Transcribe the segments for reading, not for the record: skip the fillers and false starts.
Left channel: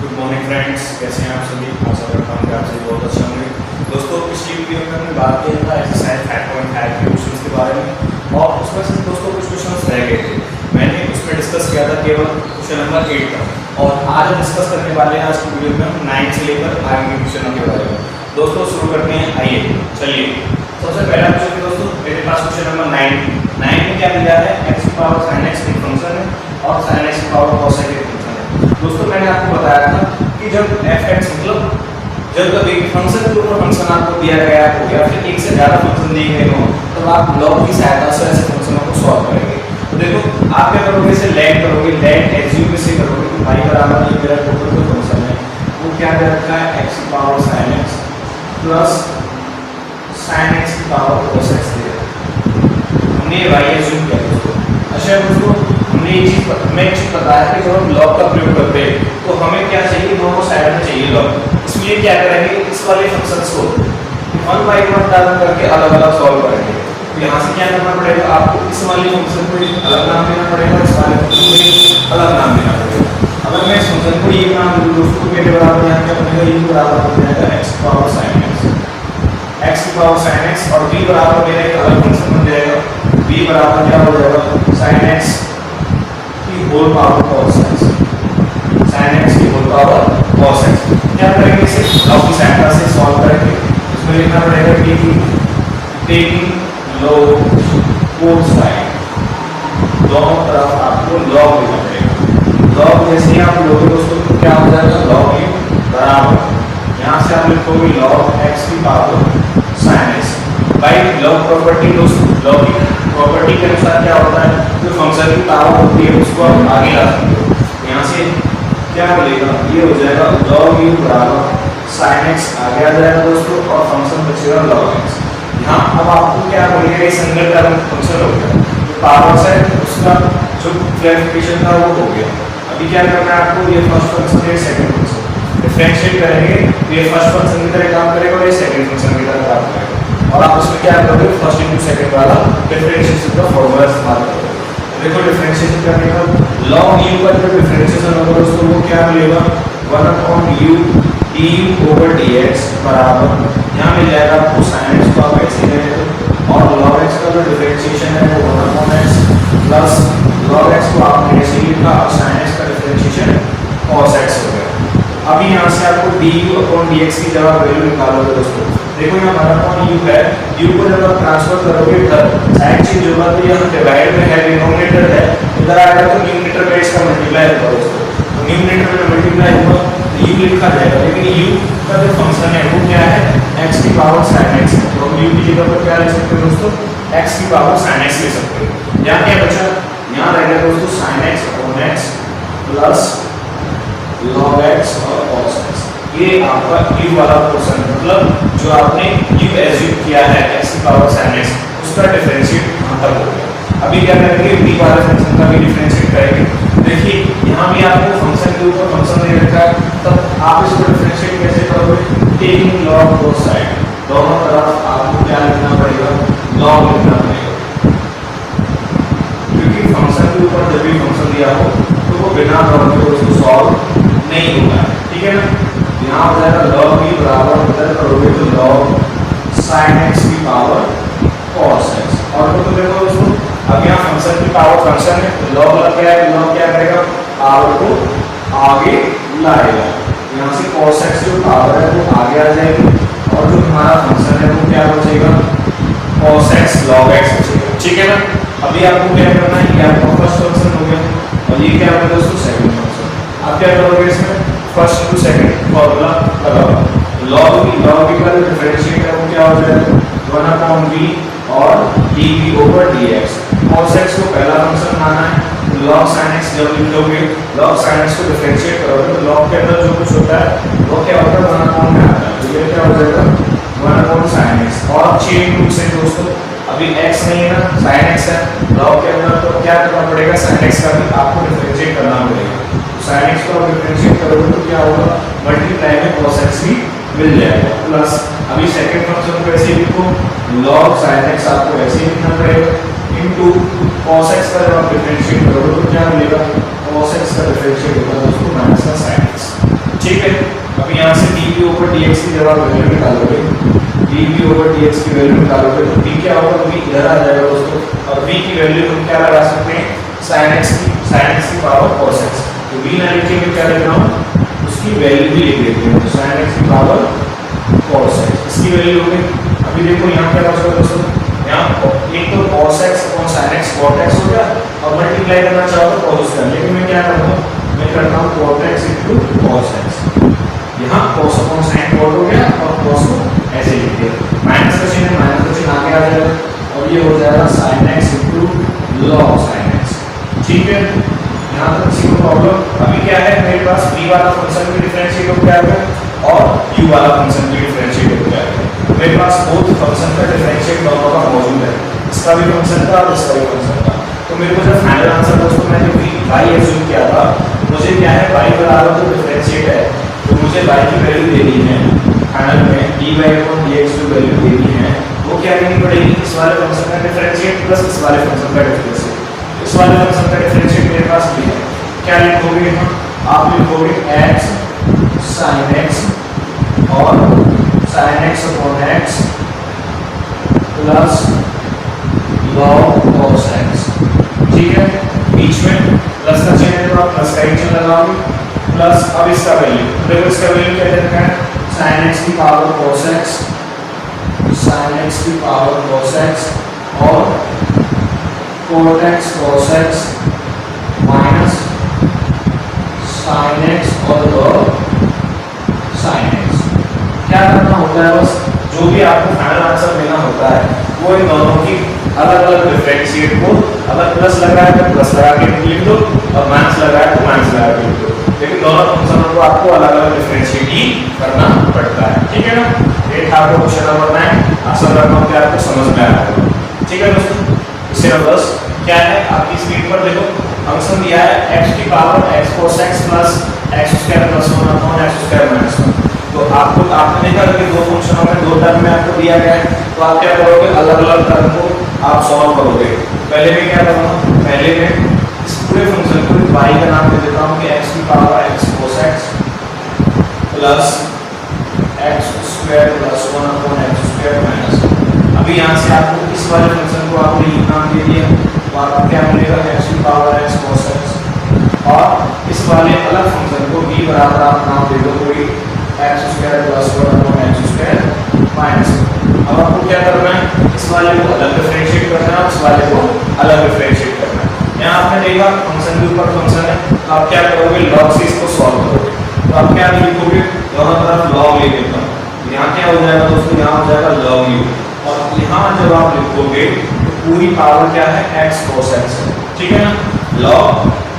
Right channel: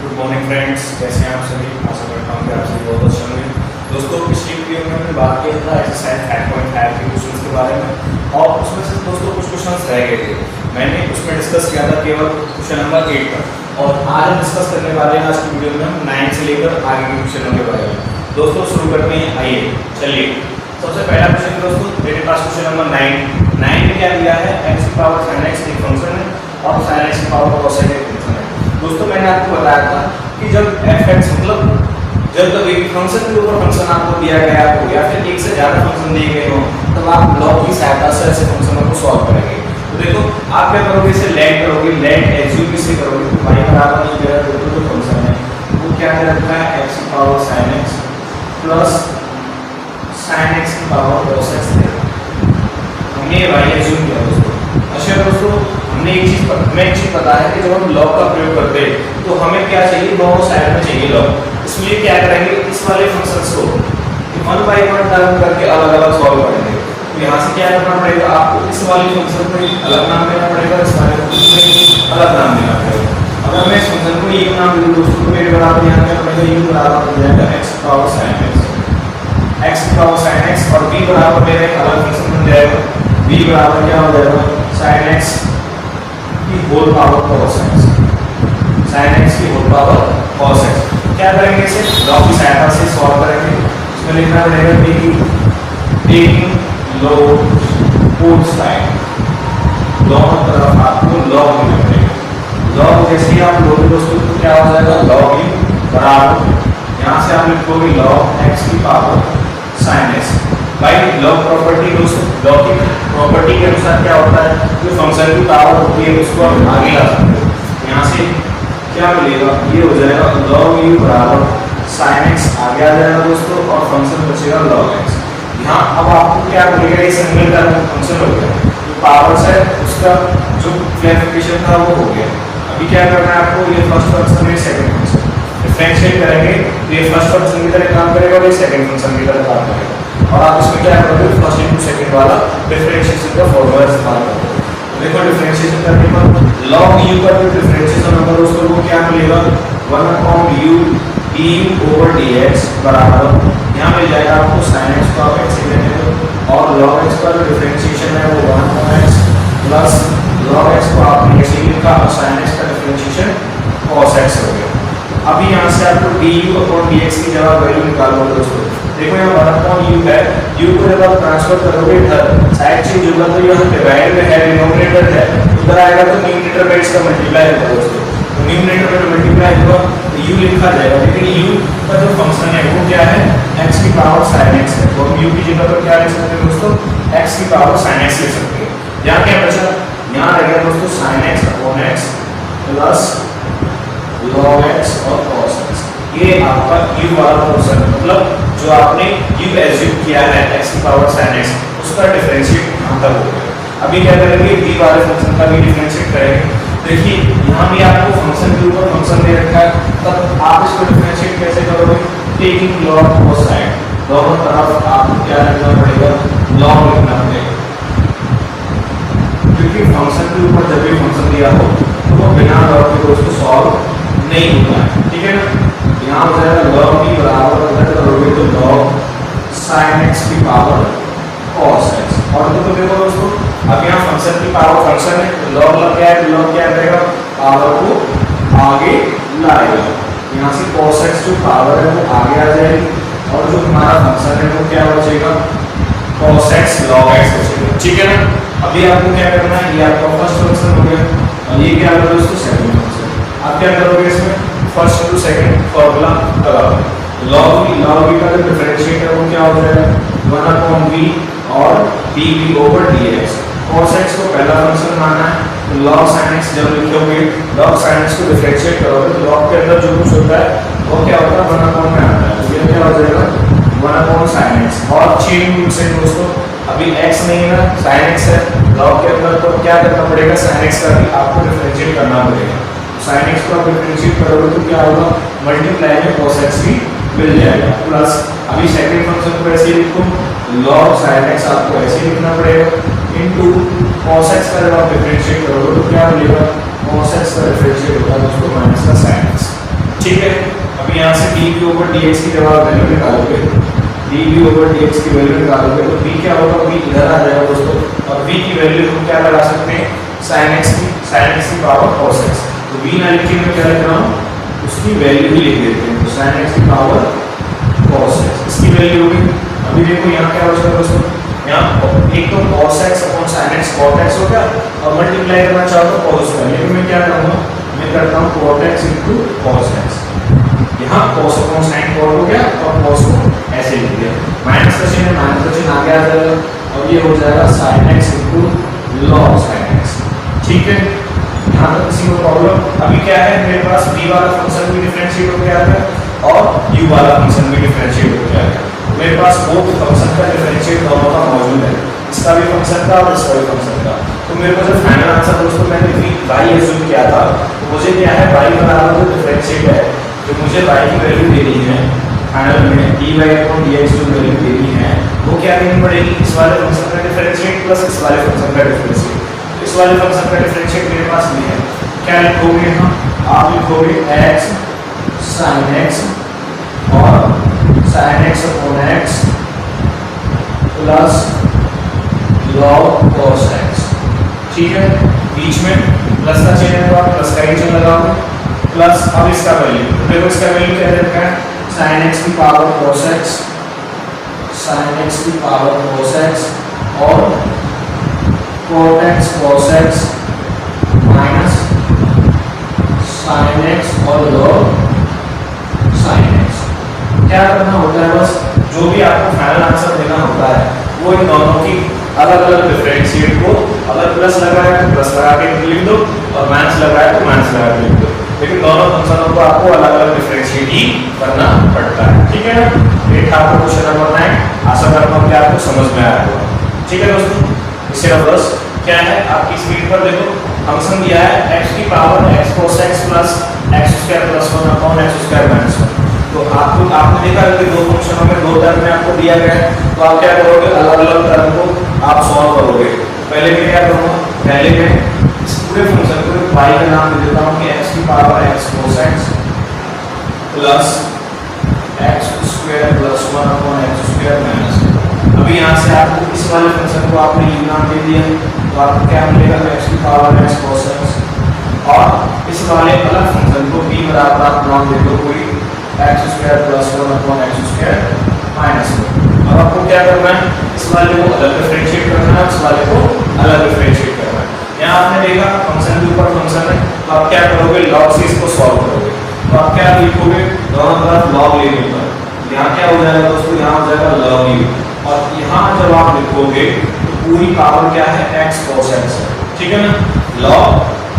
Good morning friends, कैसे हैं आप सभी। आशा करता हूँ कि आप सभी बहुत अच्छे होंगे। दोस्तों, पिछली वीडियो में हमने बात किया था एक्सरसाइज 5.5 के क्वेश्चंस के बारे में और उसमें से दोस्तों कुछ क्वेश्चंस रह गए थे। मैंने उसमें डिस्कस किया था केवल क्वेश्चन नंबर 8 तक और आज हम डिस्कस करने वाले हैं आज की वीडियो में हम 9 से लेकर आगे के क्वेश्चनों के बारे में। दोस्तों शुरू करते हैं, आइए चलिए। सबसे पहला क्वेश्चन दोस्तों मेरे पास क्वेश्चन नंबर 9 में क्या दिया है, x की पावर sin x एक फंक्शन है और sin x की पावर cos x एक फंक्शन है। दोस्तों मैंने आपको बताया था कि जब f(x) मतलब जब कभी फंक्शन के ऊपर फंक्शन आपको दिया गया हो या फिर एक से ज्यादा फंक्शन दिए गए हो तो आप लॉग की सहायता से ऐसे फंक्शनों को सॉल्व करेंगे। तो देखो आप क्या करोगे, इसे लेट करोगे, लेट एज्यूम से करोगे तो y बराबर ये मेरा टोटल जो फंक्शन है वो क्या दे रखा है, x की power sin x plus sin x की पावर cos x दे रखा है। हमने y एज्यूम किया दोस्तों। अच्छा दोस्तों, हमें एक चीज पता है कि जब हम लॉग का प्रयोग करते हैं तो हमें क्या चाहिए, दोनों साइड में चाहिए लॉग। इसलिए क्या करेंगे, इस वाले फंक्शंस को 1 by 1 टर्म करके अलग अलग सॉल्व करेंगे। तो यहाँ से क्या करना पड़ेगा, आपको इस वाले फंक्शन को अलग नाम देना पड़ेगा, इस वाले फंक्शन को अलग नाम देना पड़ेगा। अगर मैं इस फंक्शन को एक नाम दूं दोस्तों तो मेरे बराबर यहाँ क्या बनेगा, ये बराबर हो जाएगा x की पावर sin x की पावर sin x और b बराबर मेरा एक अलग फंक्शन बन जाएगा, b बराबर क्या हो जाएगा sin x की whole power cos x, sin x की होल पावर cos x। क्या करेंगे, इसे लॉग की सहायता से सॉल्व करेंगे। इसमें लिखना पड़ेगा कि टेकिंग log both साइड, दोनों तरफ आपको log लेना पड़ेगा। log जैसे ही आप लोगे दोस्तों तो क्या हो जाएगा, log u बराबर यहाँ से आप लिखोगे log x की पावर sin x। भाई log प्रॉपर्टी दोस्तों, log की प्रॉपर्टी के अनुसार क्या होता है, जो फंक्शन की पावर होती है उसको आप आगे ला सकते हो। यहाँ से क्या मिलेगा, ये हो जाएगा log u बराबर sin x आगे आ जाएगा दोस्तों और फंक्शन बचेगा log x। यहाँ अब आपको क्या मिलेगा, ये सिंगल टर्म फंक्शन हो गया, पावर से उसका जो क्लैरिफिकेशन था वो हो गया। अभी क्या करना है आपको, ये फर्स्ट फंक्शन है, सेकंड फंक्शन डिफरेंशिएट करेंगे तो ये फर्स्ट फंक्शन की तरह काम करेगा और ये सेकंड फंक्शन की तरह काम करेगा। और आप उसमें क्या करोगे, फर्स्ट इनटू सेकंड वाला डिफरेंशिएशन का फॉर्मूला इस्तेमाल करोगे। देखो डिफरेंशिएशन करने पर log u का जो डिफरेंशिएशन होगा दोस्तों वो क्या मिलेगा, 1/u du over dx बराबर यहाँ मिल जाएगा आपको sin x को आप ऐसे ले लेते और log x का जो डिफरेंशिएशन है वो 1/x प्लस log x को आपने ऐसे लिखा और sin x का डिफरेंशिएशन cos x हो गया। अभी यहाँ से आपको du upon dx की जगह वैल्यू निकालोगे दोस्तों। देखो यहाँ 1/u है, u को जब आप ट्रांसफर करोगे इधर साइड चेंज होगा तो यहाँ डिवाइड में है, डिनोमिनेटर है, उधर आएगा तो न्यूमरेटर में इसका मल्टीप्लाई होगा दोस्तों। तो न्यूमरेटर में मल्टीप्लाई होगा तो u लिखा जाएगा, लेकिन u का जो फंक्शन है वो क्या है, x की पावर sin x है। तो हम u की जगह पर क्या लिख सकते हैं दोस्तों, x की पावर sin x लिख सकते हैं। यहाँ क्या बचा, यहाँ रह गया दोस्तों sin x upon x plus log x और cos x। ये आपका u वाला पोर्शन मतलब जो आपने u एज्यूम किया है x की पावर sin x उसका डिफरेंशिएट खत्म हो गया। अभी क्या करेंगे, b वाले फंक्शन का भी डिफरेंशिएट करेंगे। देखिए यहाँ भी आपको फंक्शन के ऊपर फंक्शन दे रखा है, तब आप इसको डिफरेंशिएट कैसे करोगे, टेकिंग log both साइड, दोनों तरफ आपको क्या लिखना पड़ेगा, log लिखना पड़ेगा। क्योंकि फंक्शन के ऊपर जब भी फंक्शन दिया हो तो वो बिना log के उसको सॉल्व नहीं होगा, ठीक है ना। यहाँ हो जाएगा log b बराबर अंदर करोगे तो log sin x की पावर cos x। और तो देखो दोस्तों अब यहाँ फंक्शन की पावर फंक्शन है तो log लग गया है, log क्या करेगा, पावर को आगे लाएगा। यहाँ से cos x जो पावर है वो आगे आ जाएगी और जो हमारा फंक्शन है वो क्या बचेगा, cos x log x बचेगा, ठीक है ना। अभी आपको क्या करना है, ये आपका फर्स्ट फंक्शन हो गया और ये क्या होगा दोस्तों, सेकंड फंक्शन। आप क्या करोगे, इसमें फर्स्ट टू सेकंड फॉर्मूला लगाओ। log b का जो डिफरेंशिएट है वो क्या हो जाएगा, 1/v और dv over dx। cos x को पहला फंक्शन माना है तो log sin x जब लिखोगे, log sin x को डिफरेंशिएट करोगे तो log के अंदर जो कुछ होता है वो क्या होता है, 1/में आता है। तो ये क्या हो जाएगा 1/sin x और चेन रूट से दोस्तों अभी x नहीं है ना, sin x है log के अंदर, तो क्या करना पड़ेगा, sin x का भी आपको डिफरेंशिएट करना पड़ेगा। sin x को आप डिफरेंशिएट करोगे तो क्या होगा, मल्टीप्लाई में cos x भी मिल जाएगा प्लस अभी सेकंड फंक्शन को ऐसे लिखो, log sin x आपको ऐसे लिखना पड़ेगा इनटू cos x का जब आप डिफरेंशिएट करोगे तो क्या मिलेगा, cos x का डिफरेंशिएट होगा दोस्तों माइनस का sin x। ठीक है। अभी यहाँ से d v over d x की जब आप वैल्यू निकालोगे, d v over d x की वैल्यू निकालोगे तो बी क्या होगा, बी इधर आ जाएगा दोस्तों, और बी की वैल्यू हम क्या लगा सकते हैं, साइन एक्स की पावर कॉस एक्स। तो बी ना लिख के मैं क्या लिख रहा हूँ, उसकी वैल्यू भी लिख देते हैं, तो साइन एक्स की पावर कॉस एक्स, इसकी वैल्यू होगी। अभी देखो यहाँ क्या बचेगा दोस्तों, यहाँ एक तो cos x upon sin x cot x हो गया, और मल्टीप्लाई करना चाहो तो cos स्क्वायर, लेकिन मैं क्या करूँगा, मैं करता हूँ cot x into cos x। यहाँ cos अपॉन sin cot हो गया और cos को ऐसे लिख दिया, माइनस का चिन्ह है, माइनस का चिन्ह आगे आ जाएगा और ये हो जाएगा sin x into log sin x। ठीक है, यहाँ तक किसी को प्रॉब्लम? अभी क्या है, मेरे पास b वाला फंक्शन भी डिफरेंशिएट हो जाएगा और u वाला फंक्शन भी डिफरेंशिएट हो जाएगा। मेरे पास बोथ फंक्शन का डिफरेंशिएट दोनों का मौजूद है, इसका भी फंक्शन का और इसका भी फंक्शन का। तो मेरे को जब फाइनल आंसर दोस्तों मैंने y एज्यूम किया था, तो मुझे क्या है, y बराबर जो डिफरेंशिएट है, तो मुझे y की वैल्यू देनी है फाइनल में, dy/dx जो वैल्यू देनी है वो क्या देनी पड़ेगी, इस वाले फंक्शन का डिफरेंशिएट प्लस इस वाले फंक्शन का डिफरेंशिएट। इस वाले फंक्शन का डिफरेंशिएट मेरे पास भी है, क्या लिखोगे यहाँ, आप लिखोगे x sin x और sin x upon x plus log cos x। ठीक है, बीच में प्लस का चिन्ह है तो आप प्लस का ही चिन्ह लगाओगे, प्लस अब इसका वैल्यू, देखो इसका वैल्यू क्या देता है, sin x की power cos x, sin x की पावर cos x और cot x cos x minus sin x और log sin x। क्या करना होता है, बस जो भी आपको फाइनल आंसर देना होता है वो इन दोनों की अलग अलग डिफरेंशिएट को, अगर प्लस लगा है तो प्लस लगा के लिख दो और माइनस लगा है तो माइनस लगा के लिख दो, लेकिन दोनों फंक्शनों को आपको अलग अलग डिफरेंशिएट ही करना पड़ता है। ठीक है ना, ये था आपका क्वेश्चन नंबर 9। आशा करता हूँ कि आपको समझ में आया होगा। ठीक है दोस्तों, इससे बस क्या है, आपकी स्पीड पर देखो फंक्शन दिया है x की power x cos x plus x square plus 1 upon x square minus 1। तो आपने देखा कि दो फंक्शनों में दो टर्म में आपको दिया गया है, तो आप क्या करोगे, अलग अलग टर्म को आप सॉल्व करोगे। पहले मैं क्या करूँगा, पहले मैं इस पूरे फंक्शन को y का नाम दे देता हूँ कि x की power x cos x plus x square plus 1 upon x square minus 1। अभी यहाँ से आपको इस वाले फंक्शन को आपने ये नाम दे दिया, तो आपको क्या मिलेगा, x की पावर x cos x, और इस वाले अलग फंक्शन को b बराबर आप नाम दे दो कोई x square plus 1 upon x square minus 1। अब आपको क्या करना है, इस वाले को अलग डिफरेंशिएट करना है, इस वाले को अलग डिफरेंशिएट करना है। यहाँ आपने देखा फंक्शन के ऊपर फंक्शन है, तो आप क्या करोगे, log से इसको सॉल्व करोगे, तो आप क्या लिखोगे, दोनों तरफ log ले लेना, यहाँ क्या हो जाएगा दोस्तों, यहाँ हो जाएगा log u, और यहाँ जब आप लिखोगे तो पूरी पावर क्या है, x cos x है। ठीक है ना, log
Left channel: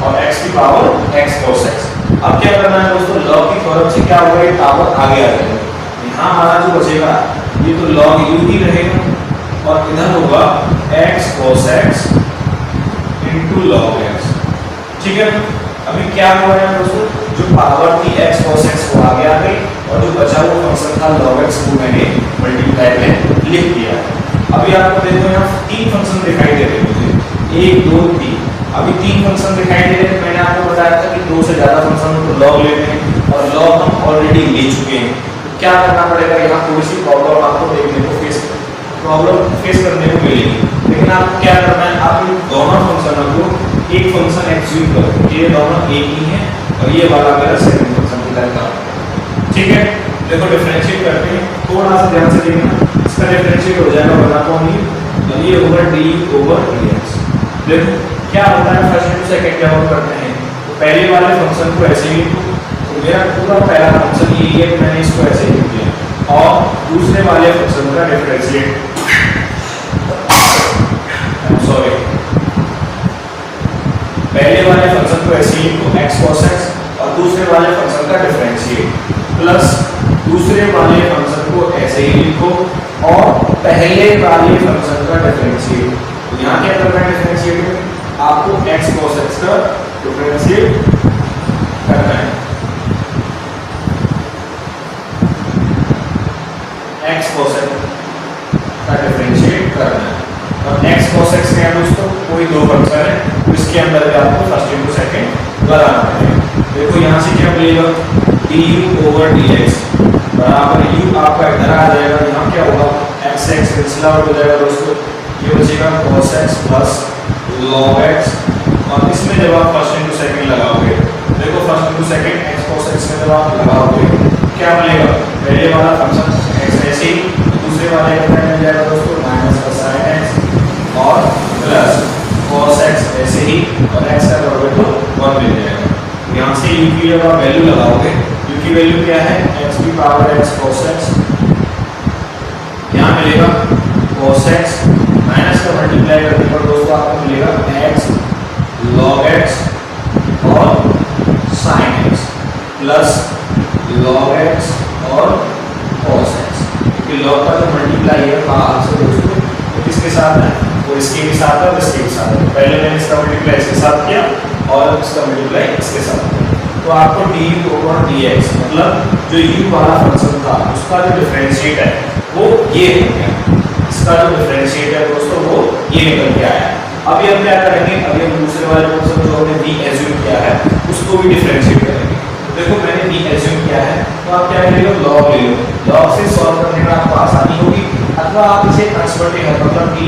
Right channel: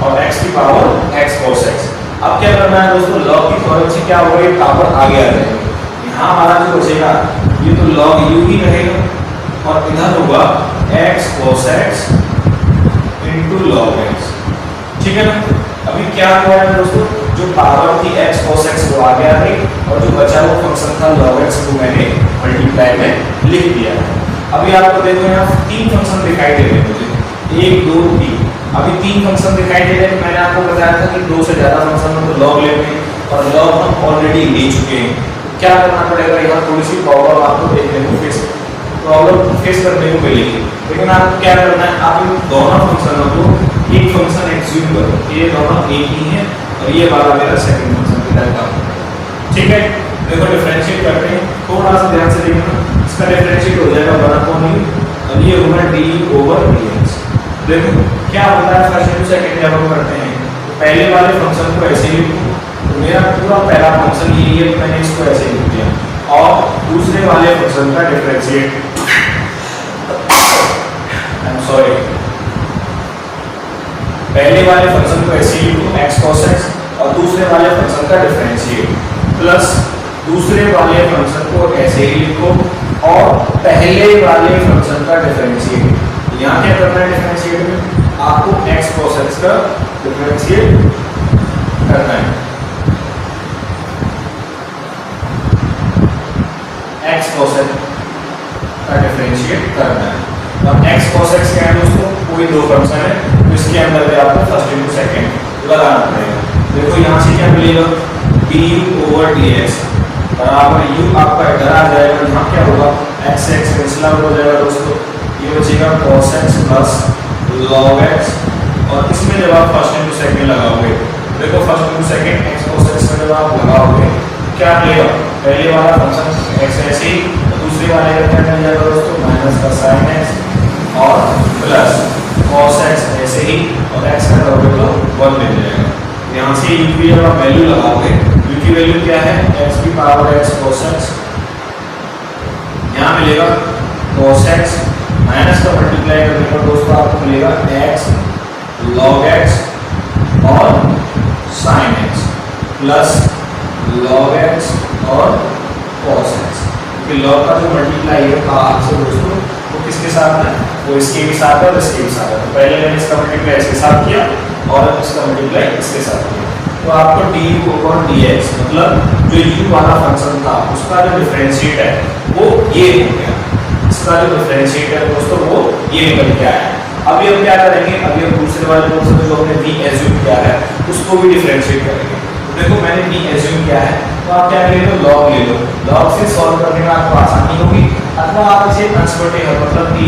और x की पावर x cos x। अब क्या करना है दोस्तों, log की पावर से क्या होगा, ये पावर आगे आ जाएगा, यहाँ हमारा जो बचेगा ये तो log u ही रहेगा, और इधर होगा x cos x into log x। ठीक है ना, अभी क्या हो रहा है दोस्तों, जो पावर थी x cos x वो आगे आ गई, और जो बचा वो फंक्शन था log x को मैंने मल्टीप्लाई में लिख दिया। अभी आपको देखो यहाँ तीन फंक्शन दिखाई दे रहे हैं मुझे, 1 2 3। अभी तीन फंक्शन दिखाई दे रहे हैं, मैंने आपको बताया था कि 2 से ज़्यादा फंक्शन को लॉग लेते हैं, और लॉग हम ऑलरेडी ले चुके हैं। तो क्या करना पड़ेगा, यहाँ थोड़ी सी प्रॉब्लम आपको देखने को फेस करने को मिलेगी, लेकिन आपको क्या करना है, आप इन दोनों फंक्शनों को एक फंक्शन एज्यूम करो, ये दोनों एक ही है और ये वाला मेरा सेकंड फंक्शन की तरह का। ठीक है, देखो डिफरेंशिएट करते हैं, थोड़ा सा ध्यान से देखना, इसका डिफरेंशिएट हो जाएगा, बनाता हूँ ये ओवर डी ओवर dx। देखो क्या होता है, फर्स्ट टू सेकंड जब हम करते हैं तो पहले वाले फंक्शन को ऐसे ही, तो मेरा पूरा पहला फंक्शन ये है, मैंने इसको ऐसे लिख दिया, और दूसरे वाले फंक्शन का डिफरेंशिएट, सॉरी, पहले वाले फंक्शन को ऐसे ही लिखो x cos x, और दूसरे वाले फंक्शन का डिफरेंशिएट, प्लस दूसरे वाले फंक्शन को ऐसे ही लिखो और पहले वाले फंक्शन का डिफरेंशिएट। तो यहाँ क्या करना है, डिफरेंशिएट में आपको x cos x का डिफरेंशिएट करना है, x cos x का डिफरेंशिएट करना है। और x cos x क्या है दोस्तों, कोई दो फंक्शन है, तो इसके अंदर भी आपको फर्स्ट इनटू सेकंड लगाना पड़ेगा। देखो यहाँ से क्या मिलेगा, du/dx बराबर u आपका इधर आ जाएगा, यहाँ क्या होगा x से x कैंसिल आउट हो जाएगा दोस्तों, ये बचेगा cos x plus log x। और इसमें जब आप फर्स्ट इंटू सेकंड लगाओगे, देखो first into second x cos x में जब आप लगाओगे क्या मिलेगा, पहले वाला फंक्शन x ऐसे ही, दूसरे वाले का क्या मिल जाएगा दोस्तों माइनस का sin x और प्लस cos x ऐसे ही, और x का डेरिवेटिव 1 मिल जाएगा। यहाँ से u की जब आप वैल्यू लगाओगे, u की वैल्यू क्या है x की पावर x cos x, यहाँ मिलेगा cos x माइनस का मल्टीप्लाई करने पर दोस्तों आपको मिलेगा x log x और sin x plus log x और cos x, क्योंकि log का जो मल्टीप्लाई है हाथ से दोस्तों वो किसके साथ है, वो इसके भी साथ है और इसके भी साथ है। तो पहले मैंने इसका मल्टीप्लाई इसके साथ किया और इसका मल्टीप्लाई इसके साथ किया, तो आपको du/dx मतलब जो u वाला फंक्शन था उसका जो डिफरेंशिएट है वो ये हो गया, इसका जो डिफरेंशिएट है दोस्तों वो ये निकल के आया। अभी हम क्या करेंगे, अभी हम दूसरे वाले फंक्शन जो हमने v एज्यूम किया है उसको भी डिफरेंशिएट करेंगे। तो देखो मैंने v एज्यूम किया है, तो आप क्या ले लो log ले लो, log से सॉल्व करने में आपको आसानी होगी, अथवा आप इसे कंसर्वेटिव है मतलब कि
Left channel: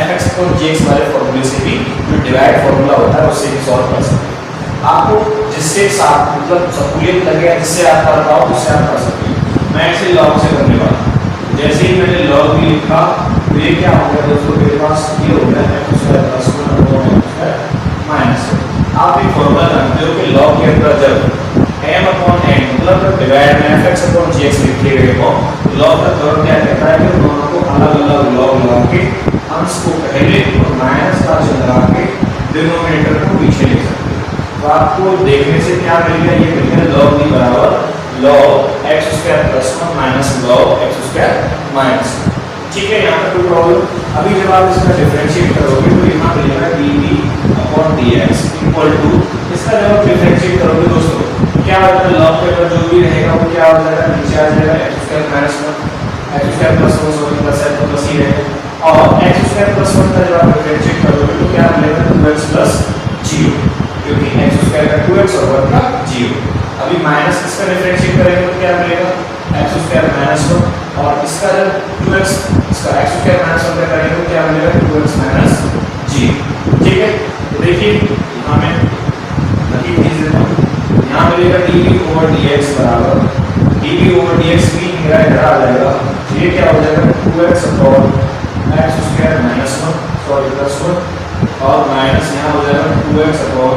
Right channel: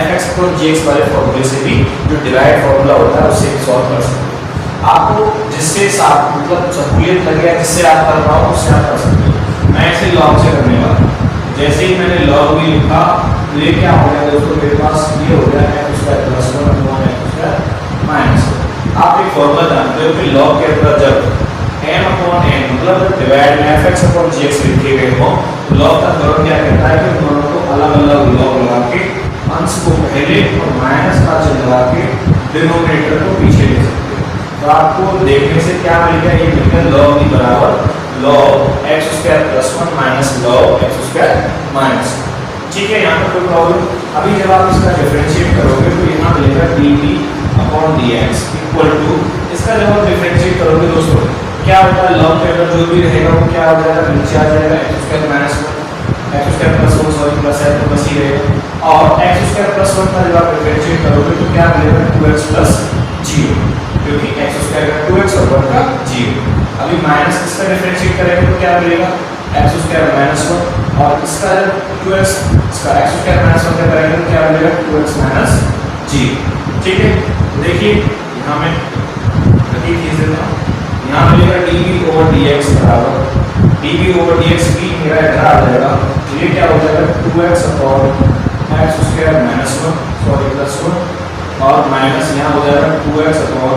fx को gx वाले फॉर्मूले से भी जो डिराइव्ड फॉर्मूला होता है उससे भी सॉल्व कर सकते हैं। आपको जिससे साथ मतलब सहूलियत लगे, जिससे आप कर पाओ उससे आप कर सकते हैं। मैं इसे log से करने वाला हूं, जैसे ही मैंने log भी लिखा तो ये क्या हो गया दोस्तों, मेरे पास ये हो गया x square plus 1 upon x square minus. आप एक फॉर्मूला जानते हो कि log के अंदर जब m अपॉन n मतलब डिवाइड में fx अपॉन gx लिखे गए हो, तो log का फॉर्मूला क्या कहता है कि दोनों को अलग-अलग log लगा के अंश को पहले और माइनस का चिन्ह लगा के डिनोमिनेटर को पीछे लिख सकते हो। तो आपको देखने से क्या मिल गया, ये मिल गया log b बराबर log x square plus 1 minus log x square minus. ठीक है, यहाँ पर कोई प्रॉब्लम। अभी जब आप इसका डिफरेंशिएट करोगे तो यहाँ मिलेगा dt/dx इक्वल टू, इसका जब आप डिफरेंशिएट करोगे दोस्तों क्या होता है, log के अंदर जो भी रहेगा वो क्या हो जाएगा, नीचे आ जाएगा x square minus 1 x square plus 1 sorry plus है तो बस ही रहेगा, और x स्क्वायर प्लस 1 का जब आप डिफरेंशिएट करोगे तो क्या मिलेगा 2x प्लस 0, क्योंकि x स्क्वायर का 2x और 1 का 0। अभी माइनस इसका डिफरेंशिएट करेंगे तो क्या मिलेगा x स्क्वायर माइनस 1, और इसका जब 2x इसका x स्क्वायर माइनस 1 का करेंगे तो क्या मिलेगा 2x माइनस 0। ठीक है, तो देखिए यहाँ मैं रखी खींच देता हूँ, यहाँ मिलेगा dv/dx बराबर dv/dx की मेरा इधर आ जाएगा, तो ये क्या हो जाएगा 2x upon x square minus 1 sorry plus 1 और माइनस यहाँ हो जाएगा 2x upon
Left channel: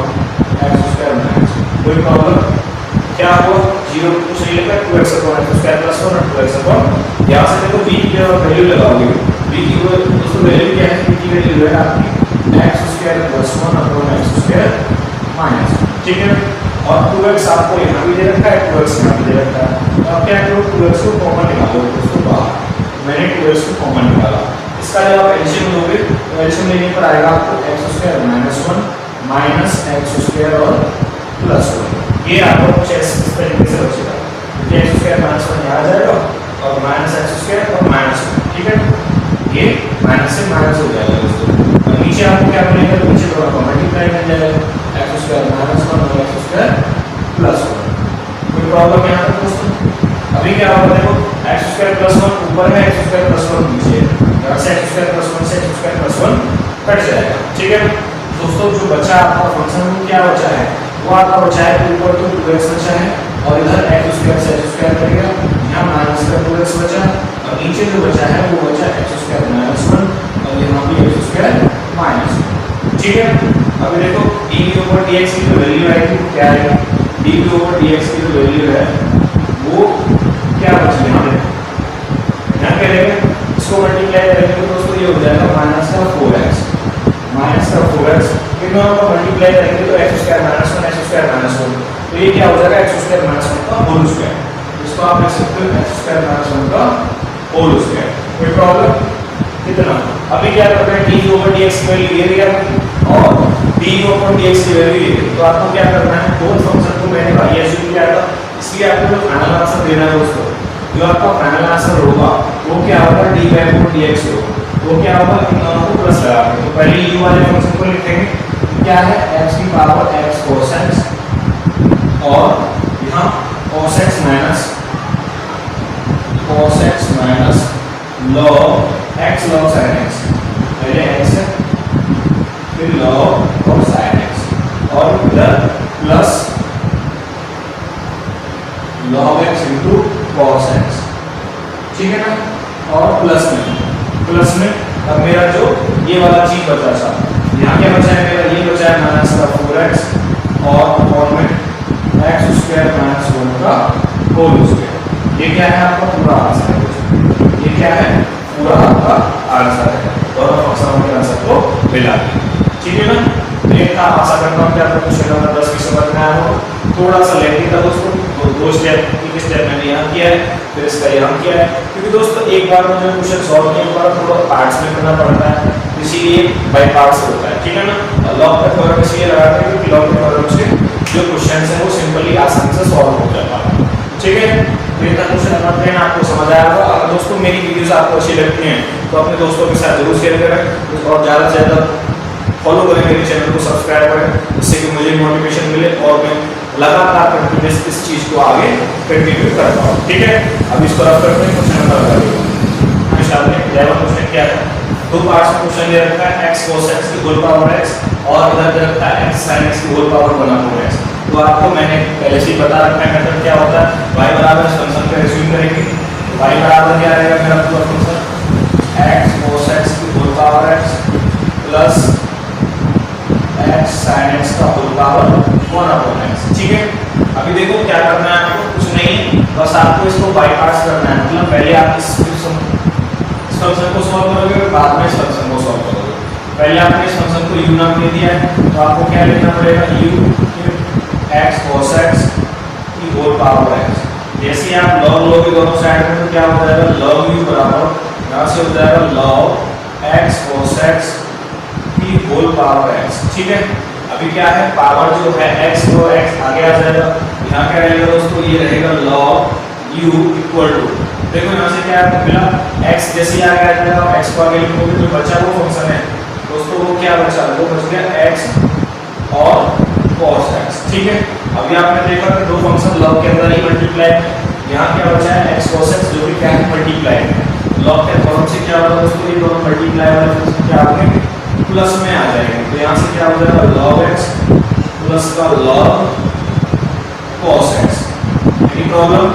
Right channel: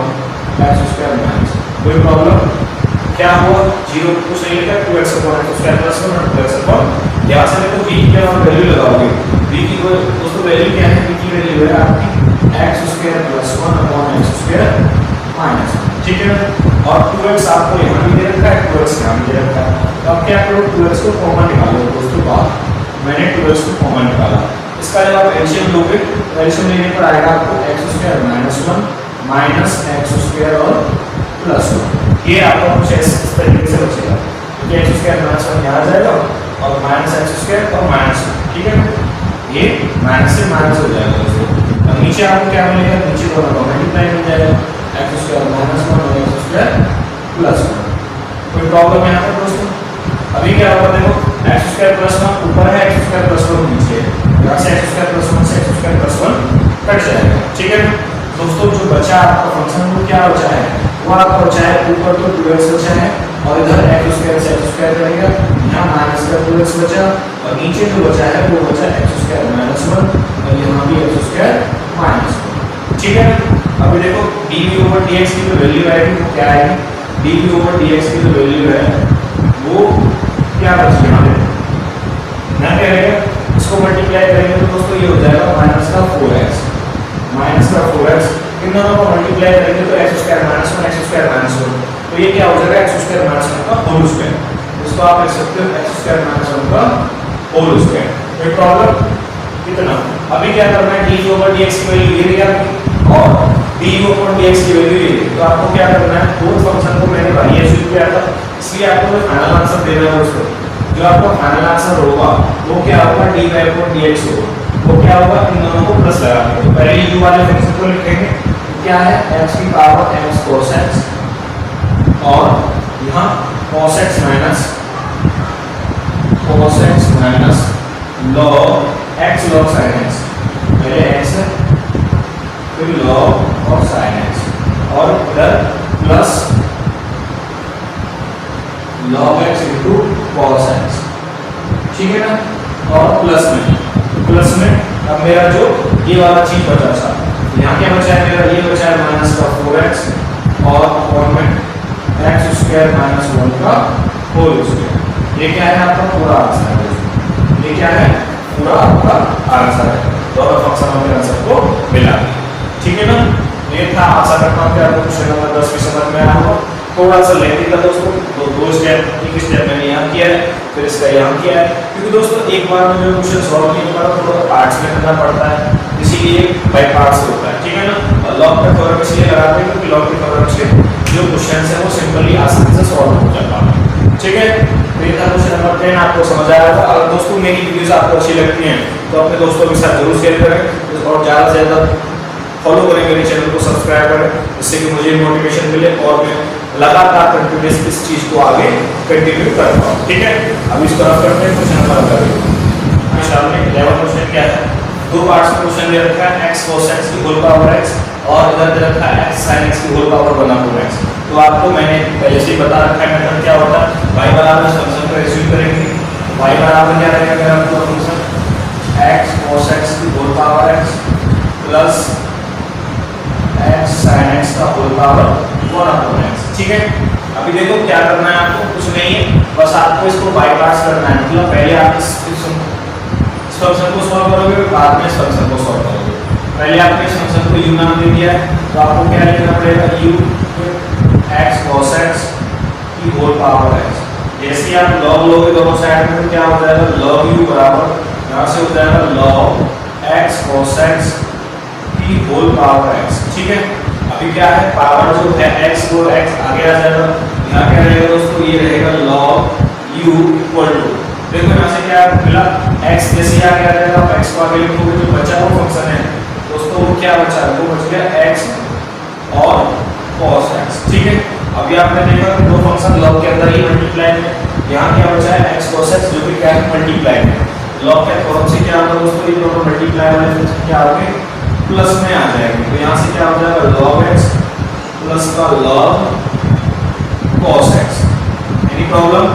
x square minus 1। कोई प्रॉब्लम, क्या हुआ 0 कुछ नहीं लिखा, 2x upon x square plus 1 और 2x अपॉन, यहाँ से देखो v की वैल्यू लगाओगे, v की दोस्तों वैल्यू क्या है, v की वैल्यू है आपकी x square plus 1 upon x square minus. ठीक है, और 2x आपको यहाँ भी दे रखा है, 2x यहाँ भी दे रखा है, तो आप क्या करो 2x को कॉमन निकालो दोस्तों बाहर, मैंने 2x को कॉमन निकाला। इसका जब आप एलसीएम लोगे तो एलसीएम लेने पर आएगा आपको x square minus 1 minus x square और प्लस 1, ये आपका कुछ इस तरीके से बचेगा, क्योंकि x स्क्वायर माइनस 1 यहाँ आ जाएगा और माइनस x स्क्वायर और माइनस 1। ठीक है, ये माइनस से माइनस हो जाएगा दोस्तों, और नीचे आपको क्या मिलेगा, नीचे दोनों का मल्टीप्लाई मिल जाएगा x स्क्वायर माइनस 1 और x स्क्वायर प्लस 1। कोई प्रॉब्लम यहाँ पर दोस्तों? अभी क्या होगा देखो x स्क्वायर प्लस 1 ऊपर है, x स्क्वायर प्लस 1 नीचे है, यहाँ से x स्क्वायर प्लस 1 से x स्क्वायर प्लस 1 कट जाएगा। ठीक है दोस्तों, जो बचा आपका फंक्शन वो क्या बचा है, वो आपका बचा है ऊपर तो 2x बचा है और इधर x स्क्वायर से x स्क्वायर कटेगा, यहाँ माइनस का 2x बचा और नीचे जो बचा है वो बचा x स्क्वायर माइनस 1 और यहाँ भी x स्क्वायर माइनस 1। ठीक है, अभी देखो dv/dx की जो वैल्यू आएगी वो क्या आएगी, dv/dx की जो वैल्यू है वो क्या बची यहाँ पे, यहाँ पे रहेगा, इसको मल्टीप्लाई करेंगे तो दोस्तों ये हो जाएगा माइनस का 4x, माइनस का 4x, इन दोनों को मल्टीप्लाई करेंगे तो x square minus 1 x square minus 1, तो ये क्या हो जाएगा x स्क्वायर माइनस 1 का होल स्क्वायर, इसको आप लिख सकते हो x स्क्वायर माइनस 1 का होल स्क्वायर। कोई प्रॉब्लम? कितना, अभी क्या करना है dv/dx की वैल्यू ये दिया और dv/dx की वैल्यू ये दी, तो आपको क्या करना है, दोनों फंक्शन को मैंने y एज्यूम किया था, इसलिए आपको जो फाइनल आंसर देना है उसको, जो आपका फाइनल आंसर होगा वो क्या होगा dy/dx होगा, वो क्या होगा इन दोनों को प्लस लगा के, तो पहले u वाले फंक्शन को लिखेंगे क्या है x की पावर x cos x और यहाँ cos x minus log x log sin x, पहले x है फिर log और sin x, और इधर plus log x into cos x, ठीक है ना। और प्लस में अब मेरा जो ये वाला चीज बचा था, यहाँ क्या बचा है मेरा, ये बचा है माइनस का 4x और में x स्क्वायर माइनस 1 का होल स्क्वायर। ये क्या है आपका पूरा आंसर है, ये क्या है पूरा आपका आंसर है। दोनों फंक्शन हमने आंसर को मिला दिया, ठीक है ना। तो ये था, आशा करता हूँ कि आपको क्वेश्चन नंबर 10 भी समझ में आया हो। थोड़ा सा लेंथी था दोस्तों, दो स्टेप, एक स्टेप मैंने यहाँ किया है फिर इसका यहाँ किया है, क्योंकि दोस्तों एक बार में जो क्वेश्चन सॉल्व नहीं होगा थोड़ा पार्ट्स में करना पड़ता है, इसीलिए बाय पार्ट्स होता है, ठीक है ना। लॉग का थ्योरम इसलिए लगाते हैं क्योंकि लॉग के थ्योरम से जो क्वेश्चन है वो सिंपली आसानी से सॉल्व हो जाता है, ठीक है। मेरा क्वेश्चन नंबर 10 आपको समझ आया होगा। अगर दोस्तों मेरी वीडियोस आपको अच्छी लगती हैं तो अपने दोस्तों के साथ जरूर शेयर करें और ज़्यादा से ज़्यादा फॉलो करें, मेरे चैनल को सब्सक्राइब करें, जिससे कि मुझे मोटिवेशन मिले और मैं लगातार कंटिन्यूस इस चीज़ को आगे कंटिन्यू कर पाऊँ, ठीक है। अब इस तरफ करते हैं क्वेश्चन नंबर 11 क्वेश्चन क्या है, दो पार्ट्स में क्वेश्चन दे रखा है x cos x की होल पावर x और इधर दे रखा है x sin x की होल पावर 1/x। तो आपको मैंने पहले से ही बता रखा है मेथड क्या होता है, y बराबर इस फंक्शन को एज्यूम करेंगे, y बराबर क्या रहेगा मेरा पूरा फंक्शन x cos x की whole power x plus x sin x का होल पावर 1/x, ठीक है। अभी देखो क्या करना है आपको, कुछ नहीं है, बस आपको इसको बाईपास करना है, मतलब पहले आप इस फंक्शन को सॉल्व करोगे फिर बाद में इस फंक्शन को सॉल्व करोगे। पहले आपने इस फंक्शन को u नाम दे दिया है तो आपको क्या लिखना पड़ेगा u x cos x की होल पावर x। जैसे आप log लोगे दोनों साइड में तो क्या हो जाएगा log u बराबर यहाँ से हो जाएगा log x cos x की होल पावर x, ठीक है। अभी क्या है पावर जो है x वो x आगे आ जाएगा, यहाँ क्या रहेगा दोस्तों ये रहेगा log u इक्वल टू, देखो यहाँ से क्या मिला x जैसे आ गया रहेगा x को आगे लिखोगे तो बचा वो फंक्शन है दोस्तों, वो क्या बचा वो बच गया x और cos x, ठीक है। अभी आपने देखा कि दो फंक्शन log के अंदर ही मल्टीप्लाई है, यहाँ क्या बचा है x cos x जो कि क्या है मल्टीप्लाई है। log के फॉर्म से क्या होगा दोस्तों ये दोनों मल्टीप्लाई वाले फंक्शन क्या होंगे प्लस में आ जाएंगे, तो यहाँ से क्या हो जाएगा log x प्लस का log cos x। Any problem?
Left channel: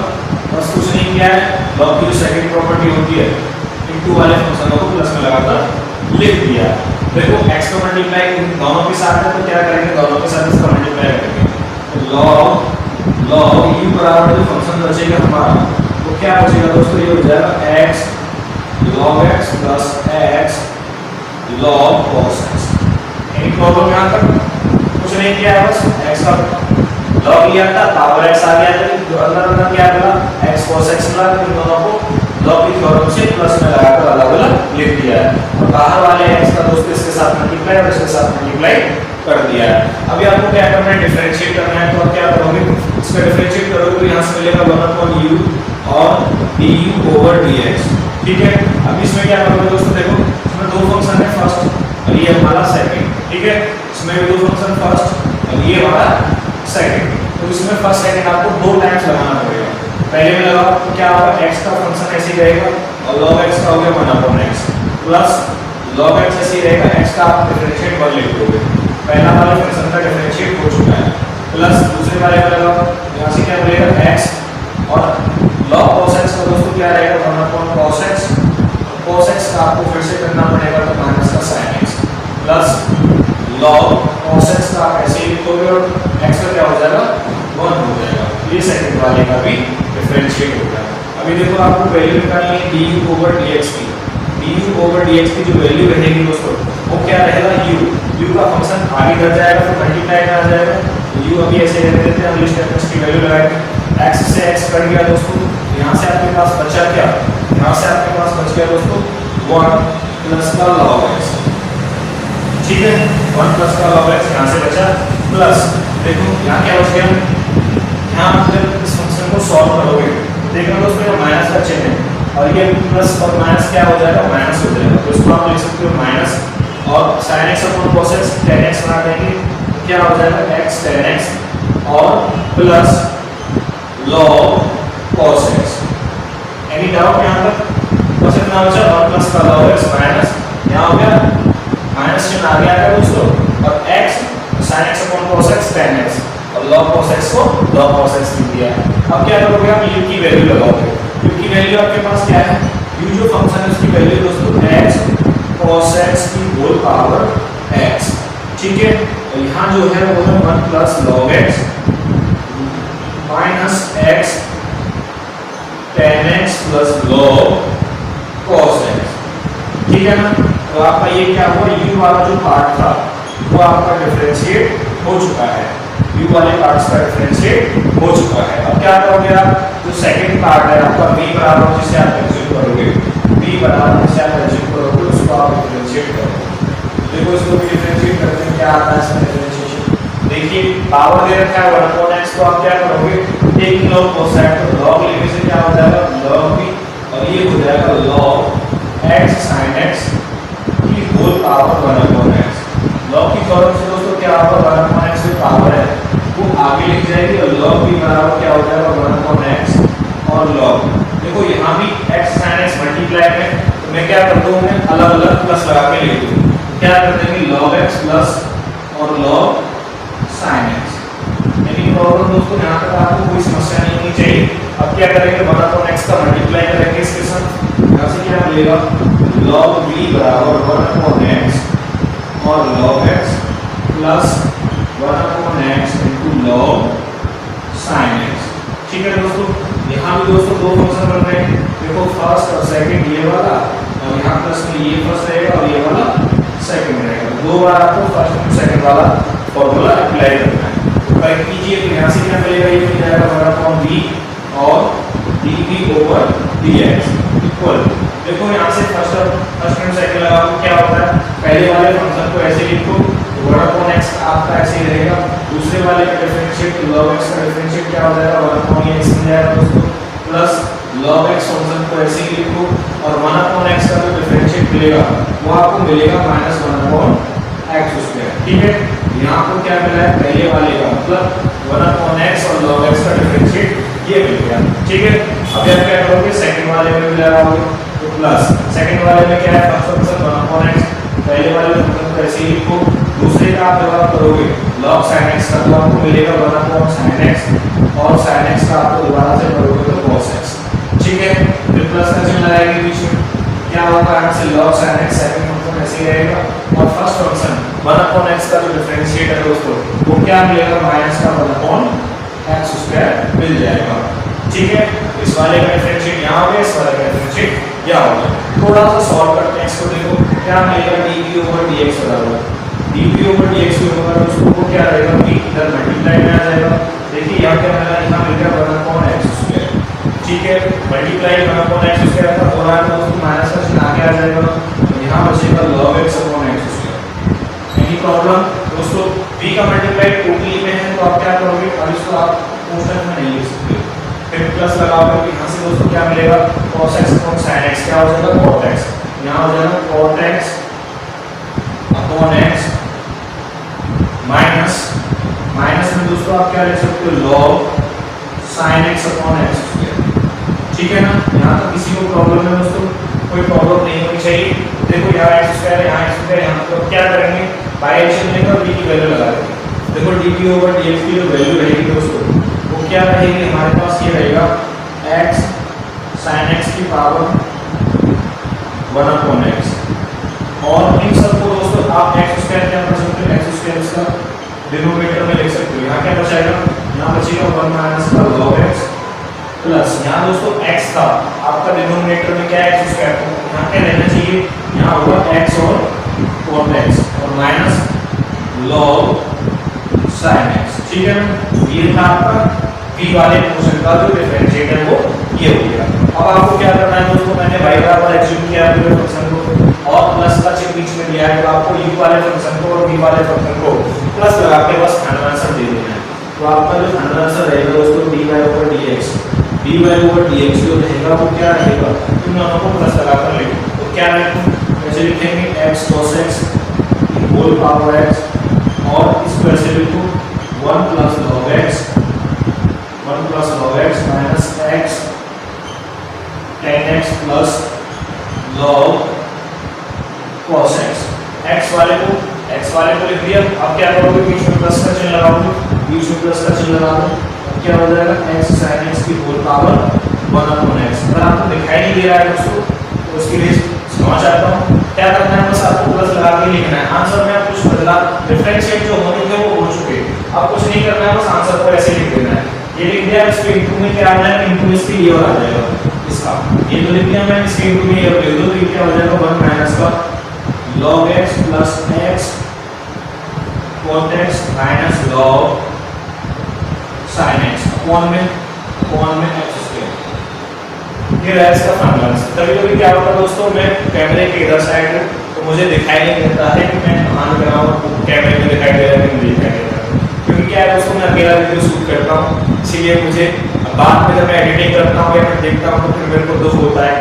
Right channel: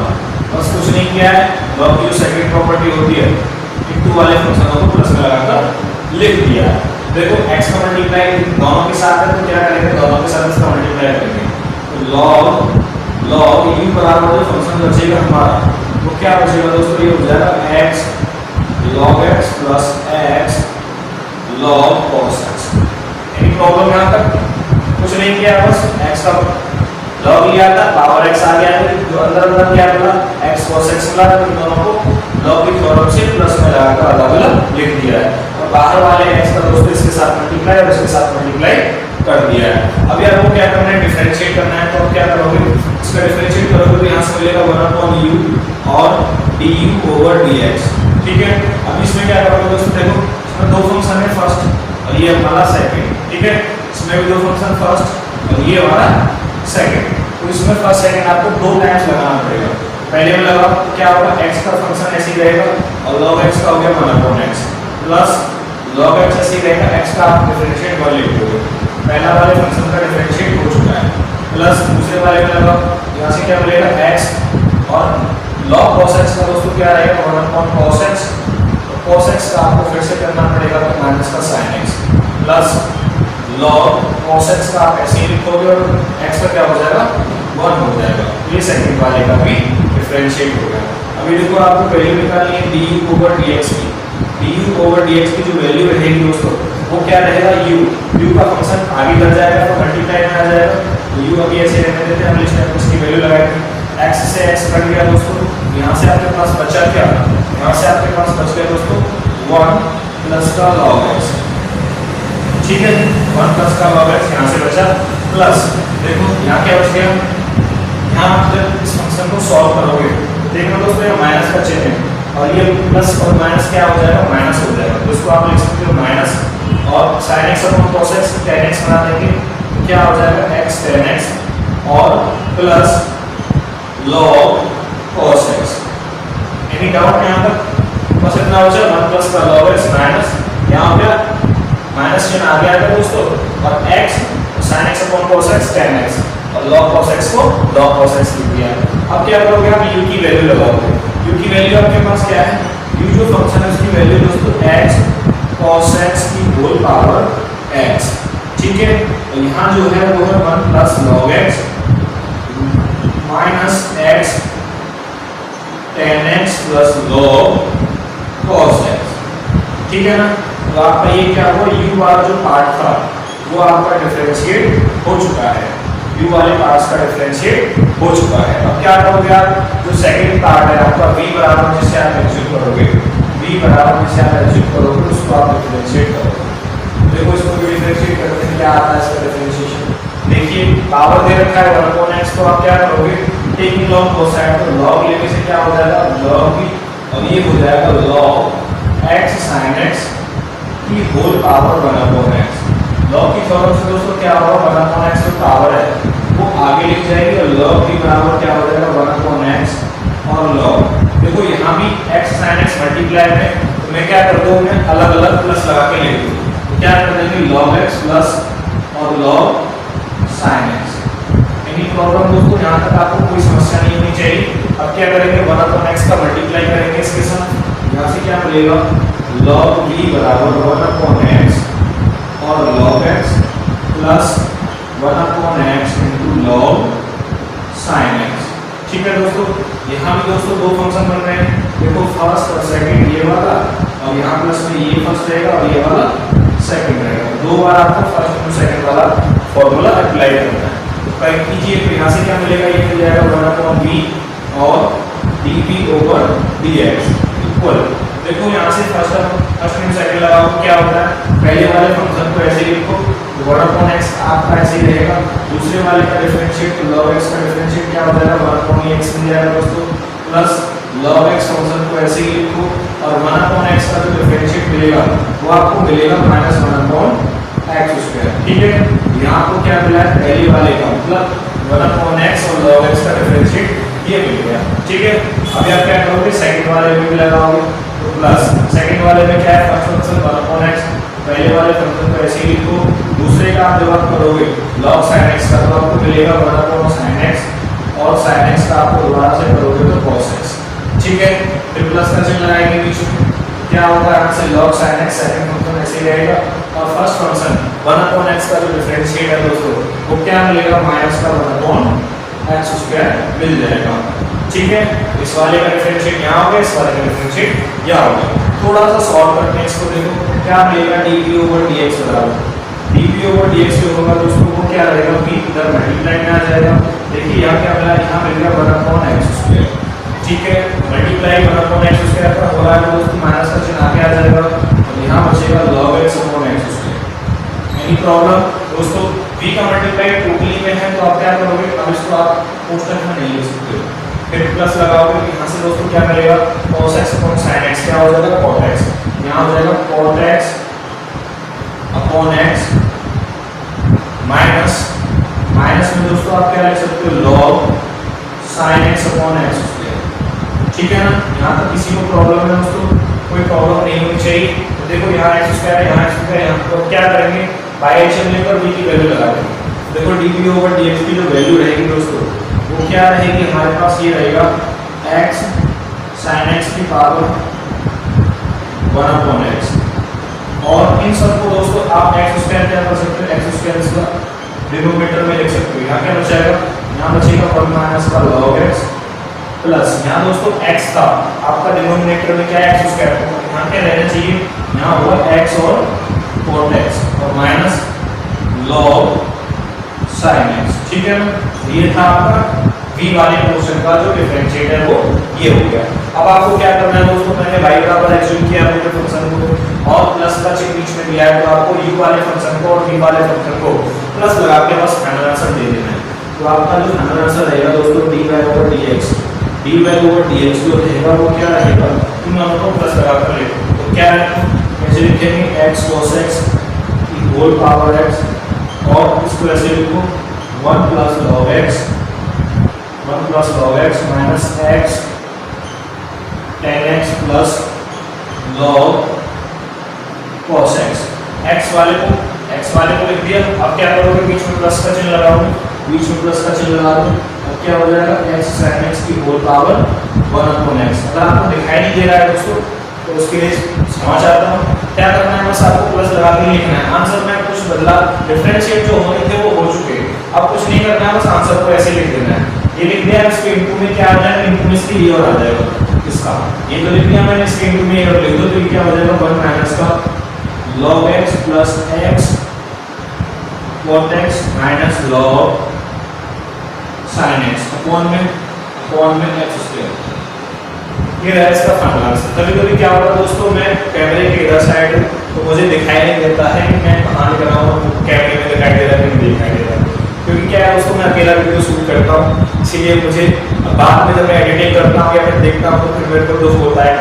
बस कुछ नहीं किया है, log की जो सेकंड प्रॉपर्टी होती है इनटू वाले फंक्शनों को प्लस में लगाकर लिख दिया है। देखो x का मल्टीप्लाई दोनों के साथ है तो क्या करेंगे दोनों के साथ इसका मल्टीप्लाई करेंगे, तो log u बराबर जो फंक्शन बचेगा हमारा वो क्या बचेगा दोस्तों ये हो जाएगा x log x plus x log cos x। Any problem यहाँ तक? कुछ नहीं किया, बस x का log लिया था पावर x आ गया तो जो अंदर क्या मिला x cos x मिला, तो इन दोनों को log की थ्योरम से प्लस में लगाकर अलग-अलग लिख दिया है और बाहर वाले x का दोस्तों इसके साथ मल्टीप्लाई और इसके साथ मल्टीप्लाई कर दिया है। अभी आपको क्या करना है डिफरेंशिएट करना है, तो आप क्या करोगे इसका डिफरेंशिएट करोगे तो यहाँ से मिलेगा 1/u और du/dx, ठीक है। अब इसमें क्या करोगे दोस्तों देखो इसमें दो फंक्शन है फर्स्ट और ये हमारा सेकंड, ठीक है। इसमें भी दो फंक्शन फर्स्ट और ये वाला सेकंड, तो इसमें फर्स्ट सेकंड आपको दो टाइम्स लगाना पड़ेगा। पहले में लगाओ तो क्या होगा x का फंक्शन ऐसे ही रहेगा और log x का हो गया 1/x प्लस log x ऐसे ही रहेगा, x का आप डिफरेंशिएट 1 लिख दोगे, पहला वाले फंक्शन का डिफरेंशिएट हो चुका है, प्लस दूसरे वाले में लगाओ यहाँ से क्या मिलेगा x और log cos x का दोस्तों क्या रहेगा 1/cos x, cos x का आपको फिर से करना पड़ेगा तो माइनस का sin x plus log cos x का आप ऐसे ही लिखोगे और x का क्या हो जाएगा 1 हो जाएगा, ये सेकंड वाले का भी डिफरेंशिएट होगा। अभी देखो आपको पहले निकालनी है du/dx की जो वैल्यू रहेगी दोस्तों वो क्या रहेगा u का फंक्शन आगे बढ़ जाएगा तो मल्टीप्लाई में आ जाएगा, u अभी ऐसे रहने देते हैं, अगली स्टेप में इसकी वैल्यू लगाएंगे, x से x कट गया दोस्तों, यहाँ से आपके पास बचा क्या, यहाँ से आपके पास बच गया दोस्तों 1 प्लस का log x, ठीक है। 1 प्लस का log x यहाँ से बचा प्लस देखो यहाँ क्या बच गया, यहाँ जब इस फंक्शन को सॉल्व करोगे देखो दोस्तों ये माइनस का चिन्ह है और ये प्लस और माइनस क्या हो जाएगा माइनस हो जाएगा, तो इसको आप लिख सकते हो माइनस और sin x upon cos x tan x बना देंगे तो क्या हो जाएगा x tan x और plus log cos x। Any doubt यहाँ तक? बस इतना हो जाए 1 प्लस का log x माइनस यहाँ हो गया माइनस चिन्ह आ गया दोस्तों, और x sin x upon cos x tan x, और log cos x को log cos x लिख दिया। अब क्या करोगे आप? u की वैल्यू लगाओगे। u की वैल्यू आपके पास क्या है? u जो फंक्शन है उसकी वैल्यू दोस्तों x cos x की होल पावर x, ठीक है। और यहाँ जो है वो है 1 plus log x minus x tan x plus log cos x, ठीक है ना। तो आपका ये क्या हुआ? u वाला जो पार्ट था वो आपका डिफरेंशिएट हो चुका है, u वाले पार्ट्स का डिफरेंशिएट हो चुका है। अब क्या करोगे आप? जो सेकंड पार्ट है आपका v बराबर जिसे आप एज्यूम करोगे, v बराबर जिसे आप एज्यूम करोगे उसको आप डिफरेंशिएट करोगे। देखो इसको भी डिफरेंशिएट करते हैं, क्या आता है इसका डिफरेंशिएशन? देखिए पावर दे रखा है 1 अपॉन x, तो आप क्या करोगे? टेकिंग log कोसाइन, तो log लेने से क्या हो जाएगा? log v, और ये हो जाएगा log x sin x की whole power 1 upon x। log की फॉर्म से दोस्तों क्या होगा? 1 अपॉन x जो पावर है वो आगे लिख जाएगी, और log v बराबर क्या हो जाएगा? 1 अपॉन x और log। देखो यहाँ भी x sin x मल्टीप्लाई में, तो मैं क्या करता हूँ? मैं अलग अलग प्लस लगा के लिख दूँ। क्या कर देंगे? log x प्लस और log sin x। Any problem दोस्तों? यहाँ तक आपको कोई समस्या नहीं होनी चाहिए। अब क्या करेंगे? 1 अपॉन x का मल्टीप्लाई करेंगे इसके साथ, यहाँ से क्या मिलेगा? log v बराबर 1 अपॉन x और log x plus 1 upon x into log sin x, ठीक है दोस्तों। यहाँ भी दोस्तों दो फंक्शन बन रहे हैं, देखो फर्स्ट और सेकंड ये वाला, और यहाँ प्लस में ये फर्स्ट रहेगा और ये वाला सेकंड रहेगा। दो बार आपको फर्स्ट और सेकंड वाला फॉर्मूला अप्लाई करना है। तो टाइप कीजिए, तो यहाँ से क्या मिलेगा? ये मिल जाएगा 1 अपॉन v और dv ओवर dx इक्वल, देखो यहाँ से फर्स्ट एंड सेकंड लगाओ, क्या होता है? पहले वाले फंक्शन को ऐसे लिखो 1 अपॉन x आपका ऐसे ही रहेगा, दूसरे वाले का डिफरेंशिएट log x का डिफरेंशिएट क्या हो जाएगा? 1 अपॉन x मिल जाएगा दोस्तों, प्लस log x फंक्शन को ऐसे ही लिखो, और 1 अपॉन x का जो डिफरेंशिएट मिलेगा वो आपको मिलेगा माइनस 1 अपॉन x स्क्वायर, ठीक है। यहाँ आपको क्या मिला है? पहले वाले का मतलब 1 अपॉन x और log x का डिफरेंशिएट ये मिल गया, ठीक है। अभी आप क्या करोगे? सेकंड वाले में भी लगाओगे, तो प्लस सेकंड वाले में क्या है? फर्स्ट फंक्शन 1 अपॉन x, पहले वाले फंक्शन को ऐसे ही लिखो, दूसरे का आप जब आप करोगे log sin x का तो आपको मिलेगा 1 अपॉन sin x, और sin x का आपको दोबारा से करोगे तो cos x, ठीक है। फिर प्लस का चिन्ह लगाएंगे बीच में, क्या होगा? यहाँ से log sin x second function ऐसे ही रहेगा, और फर्स्ट फंक्शन 1 अपॉन x का जो डिफरेंशिएट है दोस्तों वो क्या मिलेगा? माइनस का 1 अपॉन x स्क्वायर मिल जाएगा, ठीक है। इस वाले का डिफरेंशिएट यहाँ हो गया, इस वाले का डिफरेंशिएट यहाँ हो गया। थोड़ा सा सॉल्व करते हैं इसको, देखो क्या मिलेगा? dv ओवर dx बराबर dv ओवर dx जो होगा दोस्तों वो क्या रहेगा? v इधर मल्टीप्लाई में आ जाएगा, देखिए यहाँ क्या मिला? यहाँ मिल गया 1 अपॉन x स्क्वायर, ठीक है। मल्टीप्लाई 1 अपॉन x स्क्वायर का हो रहा है दोस्तों, माइनस का चिन्ह आगे आ जाएगा, और यहाँ बचेगा log x upon x square. Any problem दोस्तों? v का मल्टीप्लाई टोटली में है, तो आप क्या करोगे? अब इसको आप कोष्ठक में नहीं लिख सकते, फिर प्लस लगाओगे, यहाँ से दोस्तों क्या मिलेगा? cos x upon sin x क्या हो जाएगा? cot x, यहाँ हो जाएगा cot x upon x minus minus में दोस्तों आप क्या लिख सकते हो? log sin x upon x square, ठीक है ना। यहाँ तक किसी को प्रॉब्लम है दोस्तों? कोई प्रॉब्लम नहीं होनी चाहिए। तो देखो यहाँ x स्क्वायर है, यहाँ x स्क्वायर, यहाँ तो क्या करेंगे? बाय एडिशन लेकर v की वैल्यू लगा देंगे। देखो dv ओवर dx की जो वैल्यू रहेगी दोस्तों वो क्या रहेगी? हमारे पास ये रहेगा x sin x की पावर 1 अपॉन x, और इन सबको दोस्तों आप x स्क्वायर क्या कर सकते हो? x स्क्वायर इसका डिनोमिनेटर में लिख सकते हो। यहाँ क्या बचेगा? यहाँ बचेगा 1 माइनस का log x, प्लस यहाँ दोस्तों x था आपका डिनोमिनेटर में क्या है? x स्क्वायर, तो यहाँ क्या रहना चाहिए? यहाँ हुआ x और cot x, और माइनस log sin x, ठीक है ना। ये था आपका v वाले पोर्शन का जो डिफरेंशिएट है वो ये हो गया। अब आपको क्या करना है दोस्तों? मैंने y बराबर एज्यूम किया है जो फंक्शन को, और प्लस का चिन्ह बीच में दिया है, तो आपको u वाले फंक्शन को और v वाले फंक्शन को प्लस लगा के बस फाइनल आंसर दे देना है। तो आपका जो फाइनल आंसर रहेगा दोस्तों dy ओवर dx जो रहेगा वो क्या रहेगा? इन दोनों को प्लस लगाकर लिखो, तो क्या लिखो? ऐसे लिखेंगे x cos x की होल पावर x, और इसको ऐसे लिखो 1 plus log x 1 1 plus log x minus x ten x plus log cos x. X वाले को लिख दिया। अब क्या करोगे, बीच में प्लस का चिन्ह लगाओगे, बीच में प्लस का चिन्ह लगा दो। अब क्या हो जाएगा, एक्स साइन एक्स की होल पावर 1 अपॉन एक्स। अगर आपको दिखाई नहीं दे रहा है दोस्तों तो उसके लिए समझ आता हूँ। क्या करना है, बस आपको प्लस लगा के लिखना है। आंसर में कुछ बदला, डिफरेंशिएट जो होने थे वो हो चुके, अब कुछ नहीं करना है, बस आंसर को ऐसे लिख देना है। ये लिख दिया, इसके इनटू में क्या आ जाएगा, इनटू में इसकी ये और आ जाएगा इसका, ये तो लिख दिया मैंने, इसके इनटू में ये लिख दो तो ये क्या हो जाएगा 1 माइनस का log x plus x cot x minus log sin x upon में x स्क्वायर। ये रहा इसका फाइनल आंसर। कभी कभी क्या होता है दोस्तों, मैं कैमरे के इधर साइड हूँ तो मुझे दिखाई नहीं देता है कि मैं कहाँ लिख रहा हूँ, कैमरे में दिखाई दे रहा है कि नहीं दिखाई दे रहा है, क्योंकि क्या है दोस्तों मैं अकेला वीडियो शूट करता हूँ, इसीलिए मुझे बाद में जब मैं एडिटिंग करता हूँ या फिर देखता हूँ तो फिर मेरे को दुख होता है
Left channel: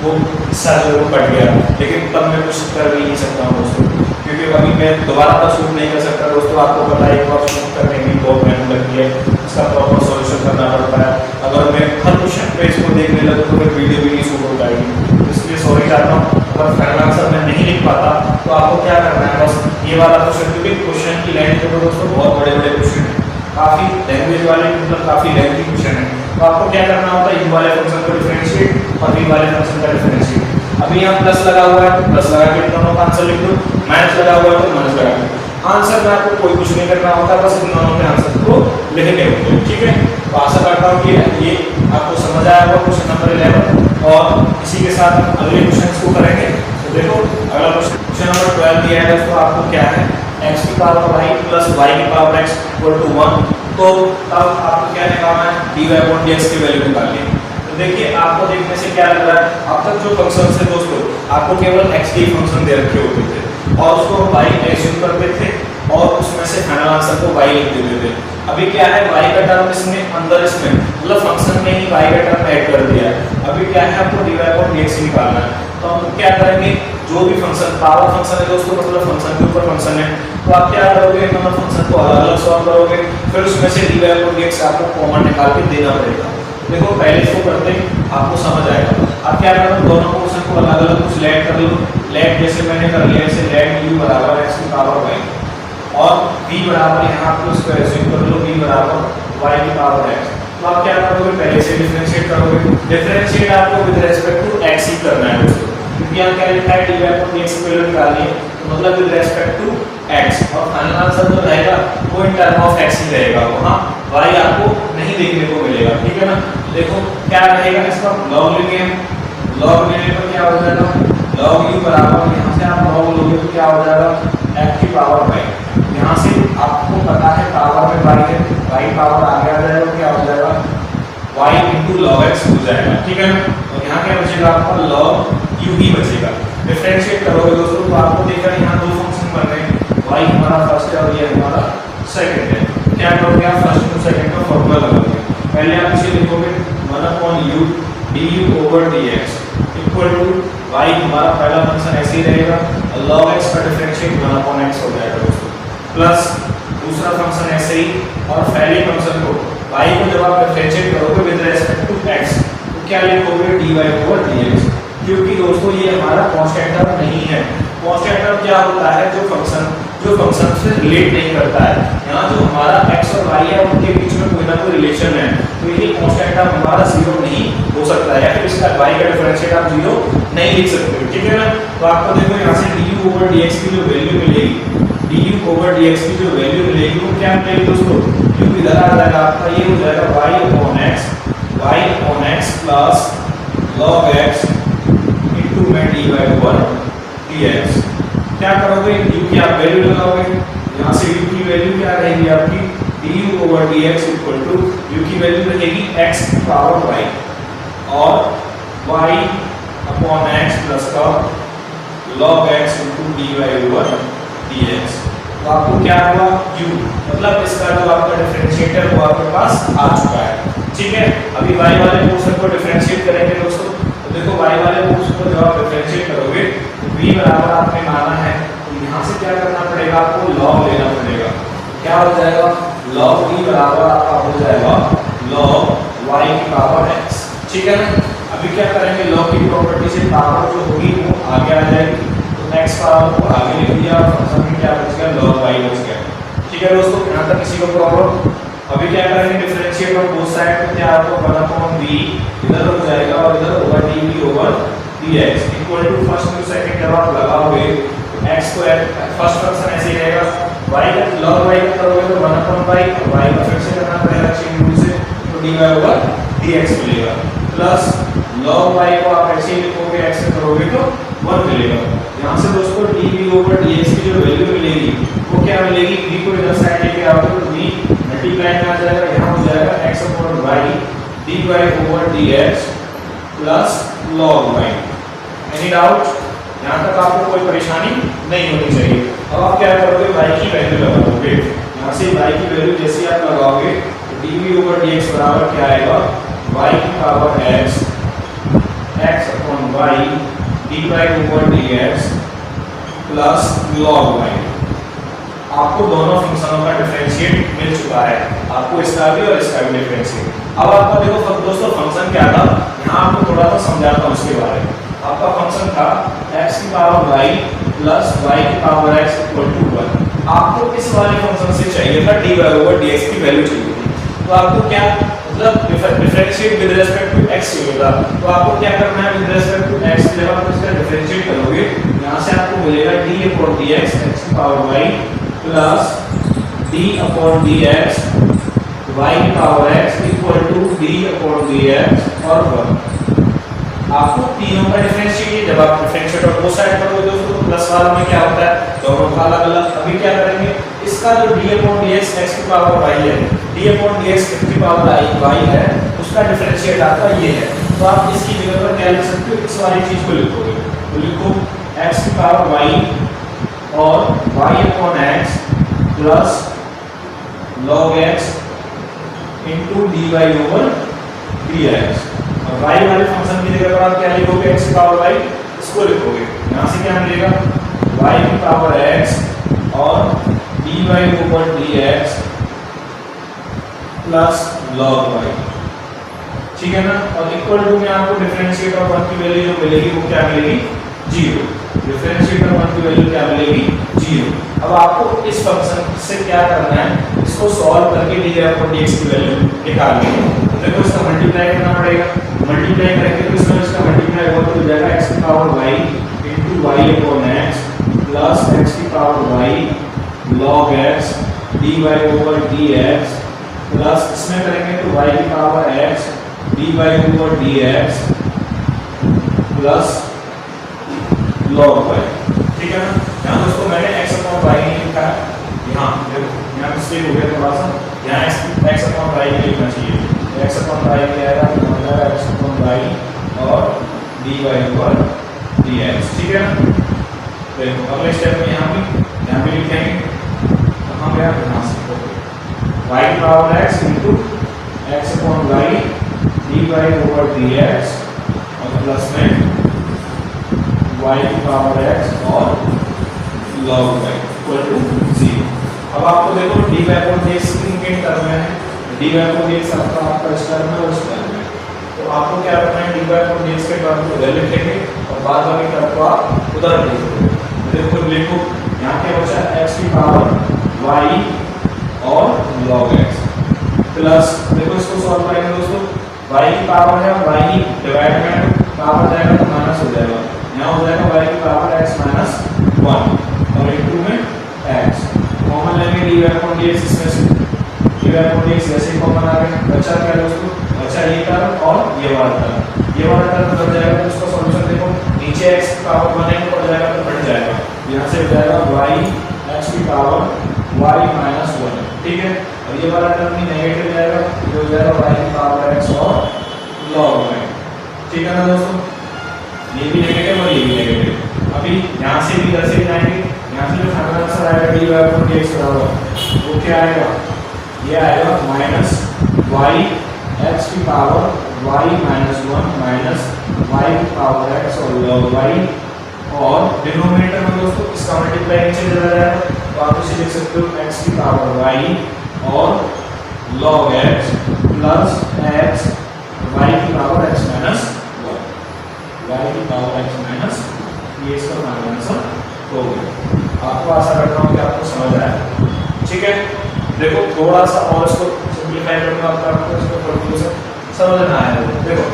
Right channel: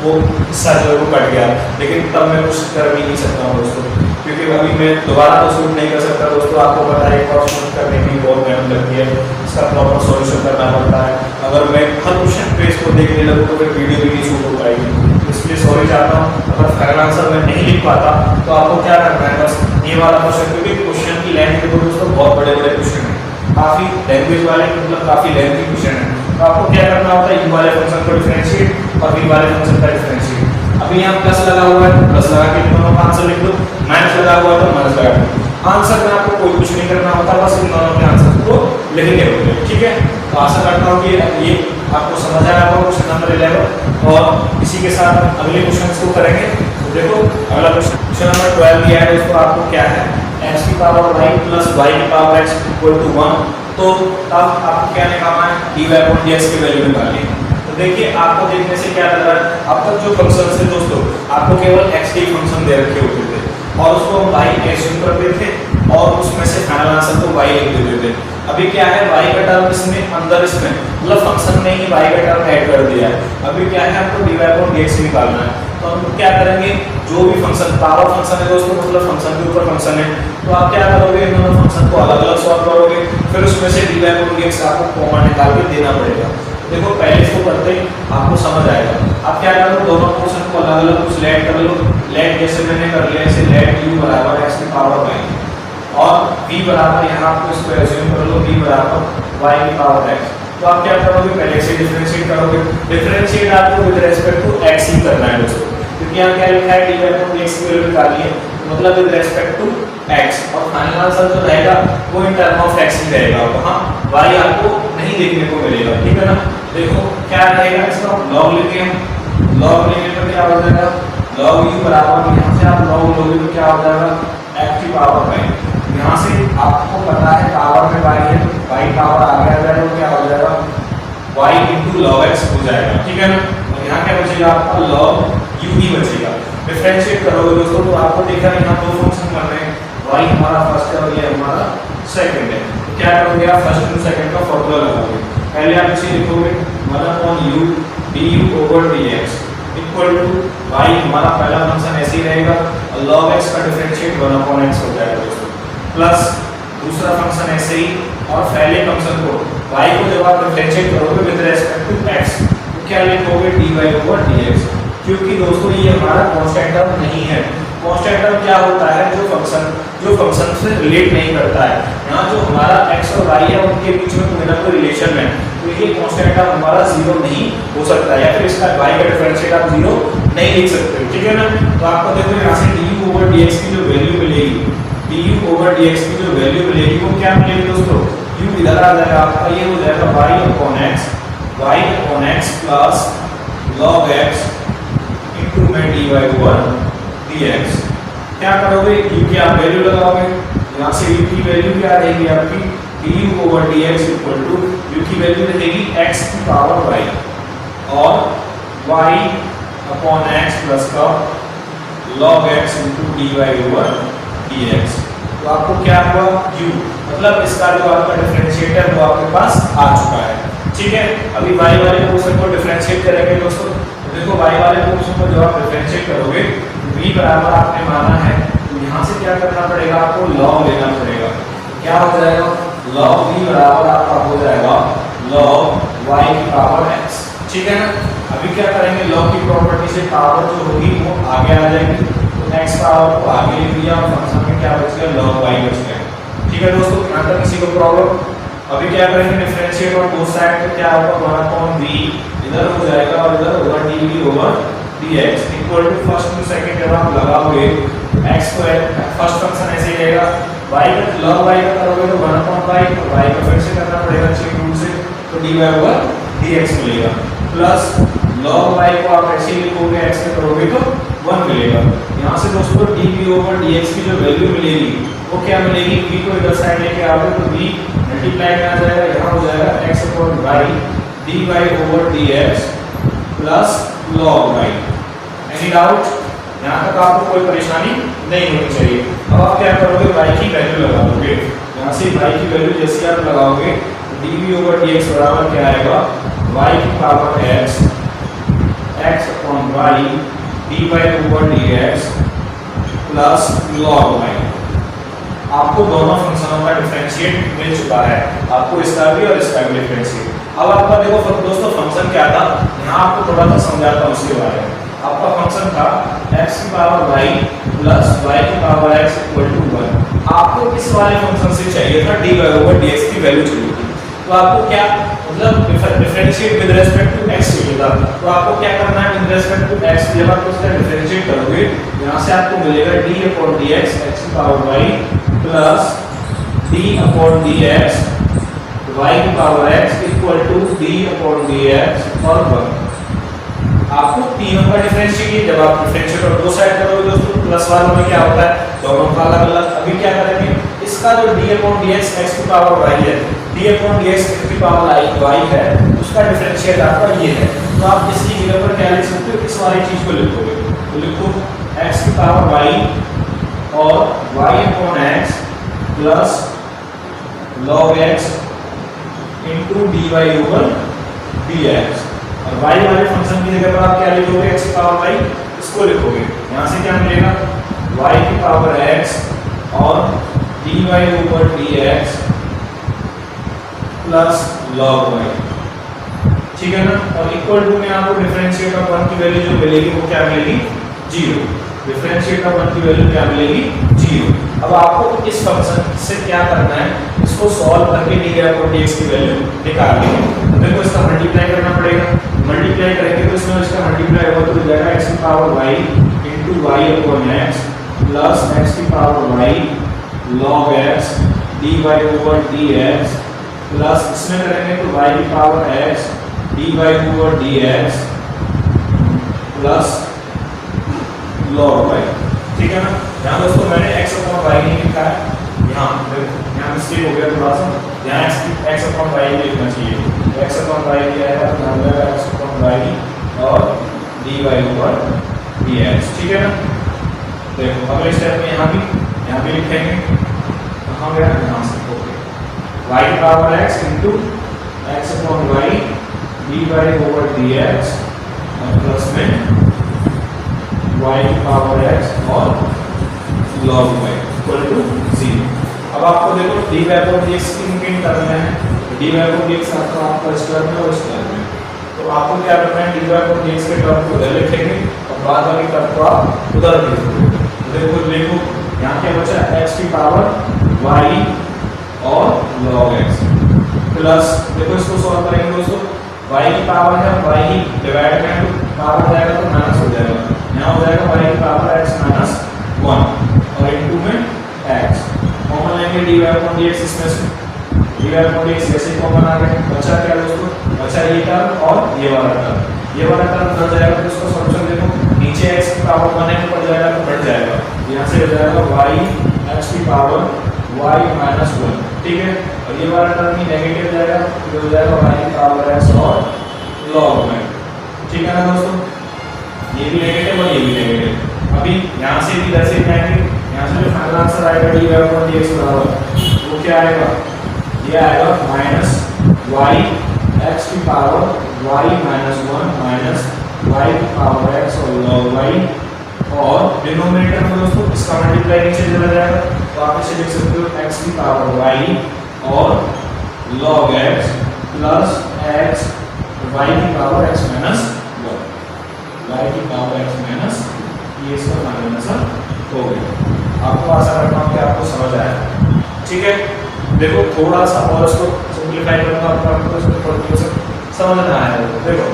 वो हिस्सा जो है वो कट गया, लेकिन तब मैं कुछ कर भी नहीं सकता हूँ दोस्तों, क्योंकि अभी मैं दोबारा तो शूट नहीं कर सकता दोस्तों। आपको पता है एक बार शूट करने की बहुत मेहनत लगती है, इसका प्रॉपर सॉल्यूशन करना पड़ता है। अगर मैं हर क्वेश्चन पे इसको देखने लगूँ तो फिर वीडियो भी नहीं शूट हो पाएगी, इसलिए सॉरी चाहता हूँ। अगर फाइनल आंसर मैं नहीं लिख पाता तो आपको क्या करना है, बस ये वाला क्वेश्चन, क्योंकि क्वेश्चन की लेंथ देखो दोस्तों बहुत बड़े बड़े क्वेश्चन है, काफ़ी लैंग्वेज वाले, मतलब काफ़ी लेंथी क्वेश्चन है। तो आपको क्या करना होता है, यू वाले फंक्शन को डिफरेंशिएट और वी वाले फंक्शन का डिफरेंशिएट। अभी यहाँ प्लस लगा हुआ है तो प्लस लगा के दोनों का आंसर लिख दो, माइनस लगा हुआ है तो माइनस लगा दो। आंसर में आपको कोई कुछ नहीं करना होता, बस इन दोनों के आंसर को लिखने होते हैं, ठीक है। तो आशा करता हूँ कि ये आपको समझ आया होगा क्वेश्चन नंबर 11, और इसी के साथ हम अगले क्वेश्चन को करेंगे। तो देखो अगला क्वेश्चन नंबर 12 दिया है दोस्तों, आपको क्या है, x की पावर y प्लस y की पावर x इक्वल टू 1, तो तब आपको क्या निकालना है, dy/dx की वैल्यू निकालनी है। तो देखिए आपको देखने से क्या लग रहा है, अब तक जो फंक्शन थे दोस्तों आपको केवल x के फंक्शन दे रखे होते थे और उसको हम y एज्यूम करते थे और उसमें से फाइनल आंसर को y लिख देते थे। अभी क्या है, y का टर्म इसमें अंदर इसमें मतलब फंक्शन में ही y का टर्म ऐड कर दिया है। अभी क्या है, आपको dy/dx निकालना है। तो हम क्या करेंगे, जो भी फंक्शन पावर फंक्शन है दोस्तों, मतलब फंक्शन के ऊपर फंक्शन है, तो आप क्या करोगे, इन दोनों फंक्शन को अलग अलग सॉल्व करोगे, फिर उसमें से dy/dx आपको कॉमन निकाल के देना पड़ेगा। देखो पहले इसको करते ही आपको समझ आएगा। आप क्या करो, दोनों फंक्शन को अलग अलग कुछ लेट कर लो, लेट जैसे मैंने कर लिया, इसे लेट u बराबर x की पावर y और v बराबर यहाँ आपको इसको एज्यूम कर लो v बराबर y की पावर x। तो आप क्या करोगे, पहले से डिफरेंशिएट करोगे, डिफरेंशिएट आपको विद रिस्पेक्ट टू x ही करना है दोस्तों, क्योंकि यहाँ क्या लिखा है dy/dx की वैल्यू निकालनी है, मतलब विद रिस्पेक्ट टू x, और फाइनल आंसर जो रहेगा वो इन टर्म ऑफ x ही रहेगा, वहाँ y आपको नहीं देखने को मिलेगा, ठीक है ना। देखो क्या रहेगा, इसका log लेंगे हम, log लेने पर क्या हो जाएगा, log u बराबर, यहाँ से आप log लोगे तो क्या हो जाएगा x की पावर y, यहाँ से आपको पता है पावर में y है, y पावर आगे आ जाएगा तो क्या हो जाएगा y into log x हो जाएगा, ठीक है ना। और यहाँ क्या बचेगा आपका log u ही बचेगा। डिफरेंशिएट करोगे दोस्तों तो आपको देखा यहाँ दो फंक्शन बन रहे हैं, y हमारा फर्स्ट है और ये हमारा सेकंड है। तो क्या करोगे आप, फर्स्ट और सेकंड का फॉर्मूला लगाओगे। पहले आप इसे लिखोगे 1/u du/dx equal to y, हमारा पहला फंक्शन ऐसे ही रहेगा और log x का डिफरेंशिएट 1/x हो जाएगा दोस्तों, प्लस दूसरा फंक्शन ऐसे ही, और पहले फंक्शन को y को जब आप डिफरेंशिएट करोगे विद रिस्पेक्ट टू x तो क्या लिखोगे dy/dx, क्योंकि दोस्तों ये हमारा कांस्टेंट टर्म नहीं है। कांस्टेंट टर्म क्या होता है, जो फंक्शन से रिलेट नहीं करता है। यहाँ जो हमारा x और y है उनके बीच में कोई ना कोई रिलेशन है, तो ये कांस्टेंट टर्म हमारा जीरो नहीं हो सकता है, या फिर इसका y का डिफरेंशिएट आप जीरो नहीं लिख सकते, ठीक है ना। तो आपको देखो यहाँ से du/dx की जो वैल्यू मिलेगी, du/dx की जो वैल्यू मिलेगी वो क्या मिलेगी दोस्तों, u इधर आ जाएगा आपका, ये हो जाएगा y/x plus log x into में dy/dx। क्या करोगे, u की आप वैल्यू लगाओगे, यहाँ से u की वैल्यू क्या रहेगी आपकी, du/dx इक्वल टू u की वैल्यू रहेगी x की पावर y और y/x प्लस का log x इनटू dy/dx। तो आपको क्या हुआ, u, मतलब इसका जो आपका डिफरेंशिएटर वो आपके पास आ चुका है, ठीक है। अभी y वाले पोर्शन को डिफरेंशिएट करेंगे दोस्तों, तो देखो y वाले पोर्शन को जब आप डिफरेंशिएट करोगे तो v बराबर आपने माना है, तो यहाँ से क्या करना पड़ेगा, आपको log लेना पड़ेगा। क्या हो जाएगा, log v बराबर आपका हो जाएगा log y की पावर x। ठीक है ना। अभी क्या करेंगे, log की प्रॉपर्टी से पावर जो होगी वो आगे आ जाएगी, x पावर को आगे लिख दिया और फंक्शन में क्या बच गया, log y बच गया। ठीक है दोस्तों, यहाँ तक किसी को प्रॉब्लम? अभी क्या करेंगे, डिफरेंशिएट और बोथ साइड पे क्या होगा, 1/v इधर हो जाएगा और इधर होगा dv/dx equal to first to second जब आप लगाओगे x को फर्स्ट फंक्शन ऐसे ही रहेगा, y का log y का करोगे तो 1/y और y का फिर से करना पड़ेगा चेन रूल से, तो dy/dx मिलेगा प्लस log y को आप ऐसे ही लिखोगे x से करोगे तो 1 मिलेगा। यहाँ से दोस्तों dv/dx की जो वैल्यू मिलेगी वो क्या मिलेगी, v को इधर साइड लेके आओगे तो v मल्टीप्लाई में आ जाएगा, यहाँ हो जाएगा x/y dy/dx plus log y। Any doubt? यहाँ तक आपको कोई परेशानी नहीं होनी चाहिए। अब आप क्या करोगे, y की वैल्यू लगा दोगे, यहाँ से y की वैल्यू जैसे आप लगाओगे dv/dx बराबर क्या आएगा, y की power x x/y dy/dx plus log y। आपको दोनों फंक्शनों का डिफरेंशिएट मिल चुका है, आपको इसका भी और इसका भी डिफरेंशिएट। अब आपका देखो दोस्तों फंक्शन क्या था, यहाँ आपको थोड़ा सा समझाता हूँ उसके बारे में। आपका फंक्शन था x की पावर y प्लस y की पावर x इक्वल टू 1। आपको इस वाले फंक्शन से चाहिए था dy/dx की वैल्यू चाहिए थी, तो आपको क्या मतलब differentiate with respect to x चाहिए था, तो आपको क्या करना है, विद रिस्पेक्ट टू x जब आप इसका डिफरेंशिएट करोगे यहाँ से आपको मिलेगा d/dx x की power y plus d/dx y की power x equal to d/dx और 1। आपको तीनों का डिफरेंशिएट है, जब आप डिफरेंशिएट और दो साइड करोगे दोस्तों प्लस वालों में क्या होता है, दोनों का अलग अलग। अभी क्या करेंगे, इसका जो d/dx x की पावर y है, d/dx x की पावर y है, उसका डिफरेंशिएट आपका ये है, तो आप इसकी जगह पर क्या लिख सकते हो, इस वाली चीज को लिखोगे, तो लिखो x की पावर y और y/x plus log x into dy/dx। और y वाले फंक्शन की जगह पर आप क्या लिखोगे, x की पावर y, इसको लिखोगे, यहाँ से क्या मिलेगा, y की पावर x और dy/dx प्लस log y। ठीक है ना। और इक्वल टू में आपको डिफरेंशिएट ऑफ 1 की वैल्यू जो मिलेगी वो क्या मिलेगी, 0। डिफरेंशिएट ऑफ 1 की वैल्यू क्या मिलेगी, 0। अब आपको इस फंक्शन से क्या करना है, इसको सॉल्व करके dy/dx की वैल्यू निकालनी है। तो देखो इसका मल्टीप्लाई करना पड़ेगा, मल्टीप्लाई करेंगे तो इसमें इसका मल्टीप्लाई होगा तो जाएगा x की power y into y/x plus x की power y log x dy/dx plus इसमें करेंगे तो y की power x dy/dx plus log y। ठीक है ना। यहाँ दोस्तों मैंने x/y नहीं लिखा है, यहाँ देखो यहाँ मिस्टेक हो गया थोड़ा सा, यहाँ x/y लिखना चाहिए, x/y क्या आएगा, तो यहाँ जाएगा x/y और dy/dx। ठीक है ना। देखो अगले स्टेप में यहाँ भी लिखेंगे, कहाँ गया, यहाँ से ओके, y की power x into x/y dy/dx और प्लस में y की पावर x और log y इक्वल टू 0। अब आपको देखो dy/dx किन टर्म में है, dy/dx आपका इस टर्म में और इस टर्म में, तो आपको क्या करना है, dy/dx के टर्म को इधर लिखेंगे और बाद वाली टर्म को आप उधर लिखोगे। देखो लिखो यहाँ क्या बचा, x की पावर y और log x प्लस, देखो इसको सॉल्व करेंगे दोस्तों, y की पावर है, y ही डिवाइड में तो पावर जाएगा तो माइनस हो जाएगा, यहाँ हो जाएगा y की पावर x माइनस 1 और इनटू में x कॉमन लेंगे dy/dx, इसमें से dy/dx जैसे ही कॉमन आ गया, बचा क्या दोस्तों, बचा ये टर्म और ये वाला टर्म उधर जाएगा, तो इसका सॉल्यूशन देखो, नीचे x की पावर 1 है ऊपर जाएगा तो बढ़ जाएगा, यहाँ से हो जाएगा y x की पावर y माइनस 1। ठीक है। और ये वाला टर्म भी नेगेटिव जाएगा, ये हो जाएगा y की पावर x और log y। ठीक है ना दोस्तों, ये भी नेगेटिव और ये भी नेगेटिव। अभी यहाँ से भी इधर से जाएंगे, यहाँ से जो फाइनल आंसर आएगा dy/dx बराबर वो क्या आएगा, ये आएगा माइनस y x की power y minus 1 minus y की पावर x और log y, और डिनोमिनेटर में दोस्तों इसका मल्टीप्लाई नीचे चला जाएगा, तो आप इसे लिख सकते हो x की पावर y और log x plus x y की पावर x माइनस y की पावर x माइनस, ये इसका फाइनल आंसर हो गया। आपको आशा करता हूँ कि आपको समझ आया। ठीक है, देखो थोड़ा सा और इसको सिंपलीफाई करूंगा आपको इसको पढ़ते से समझ में आया। देखो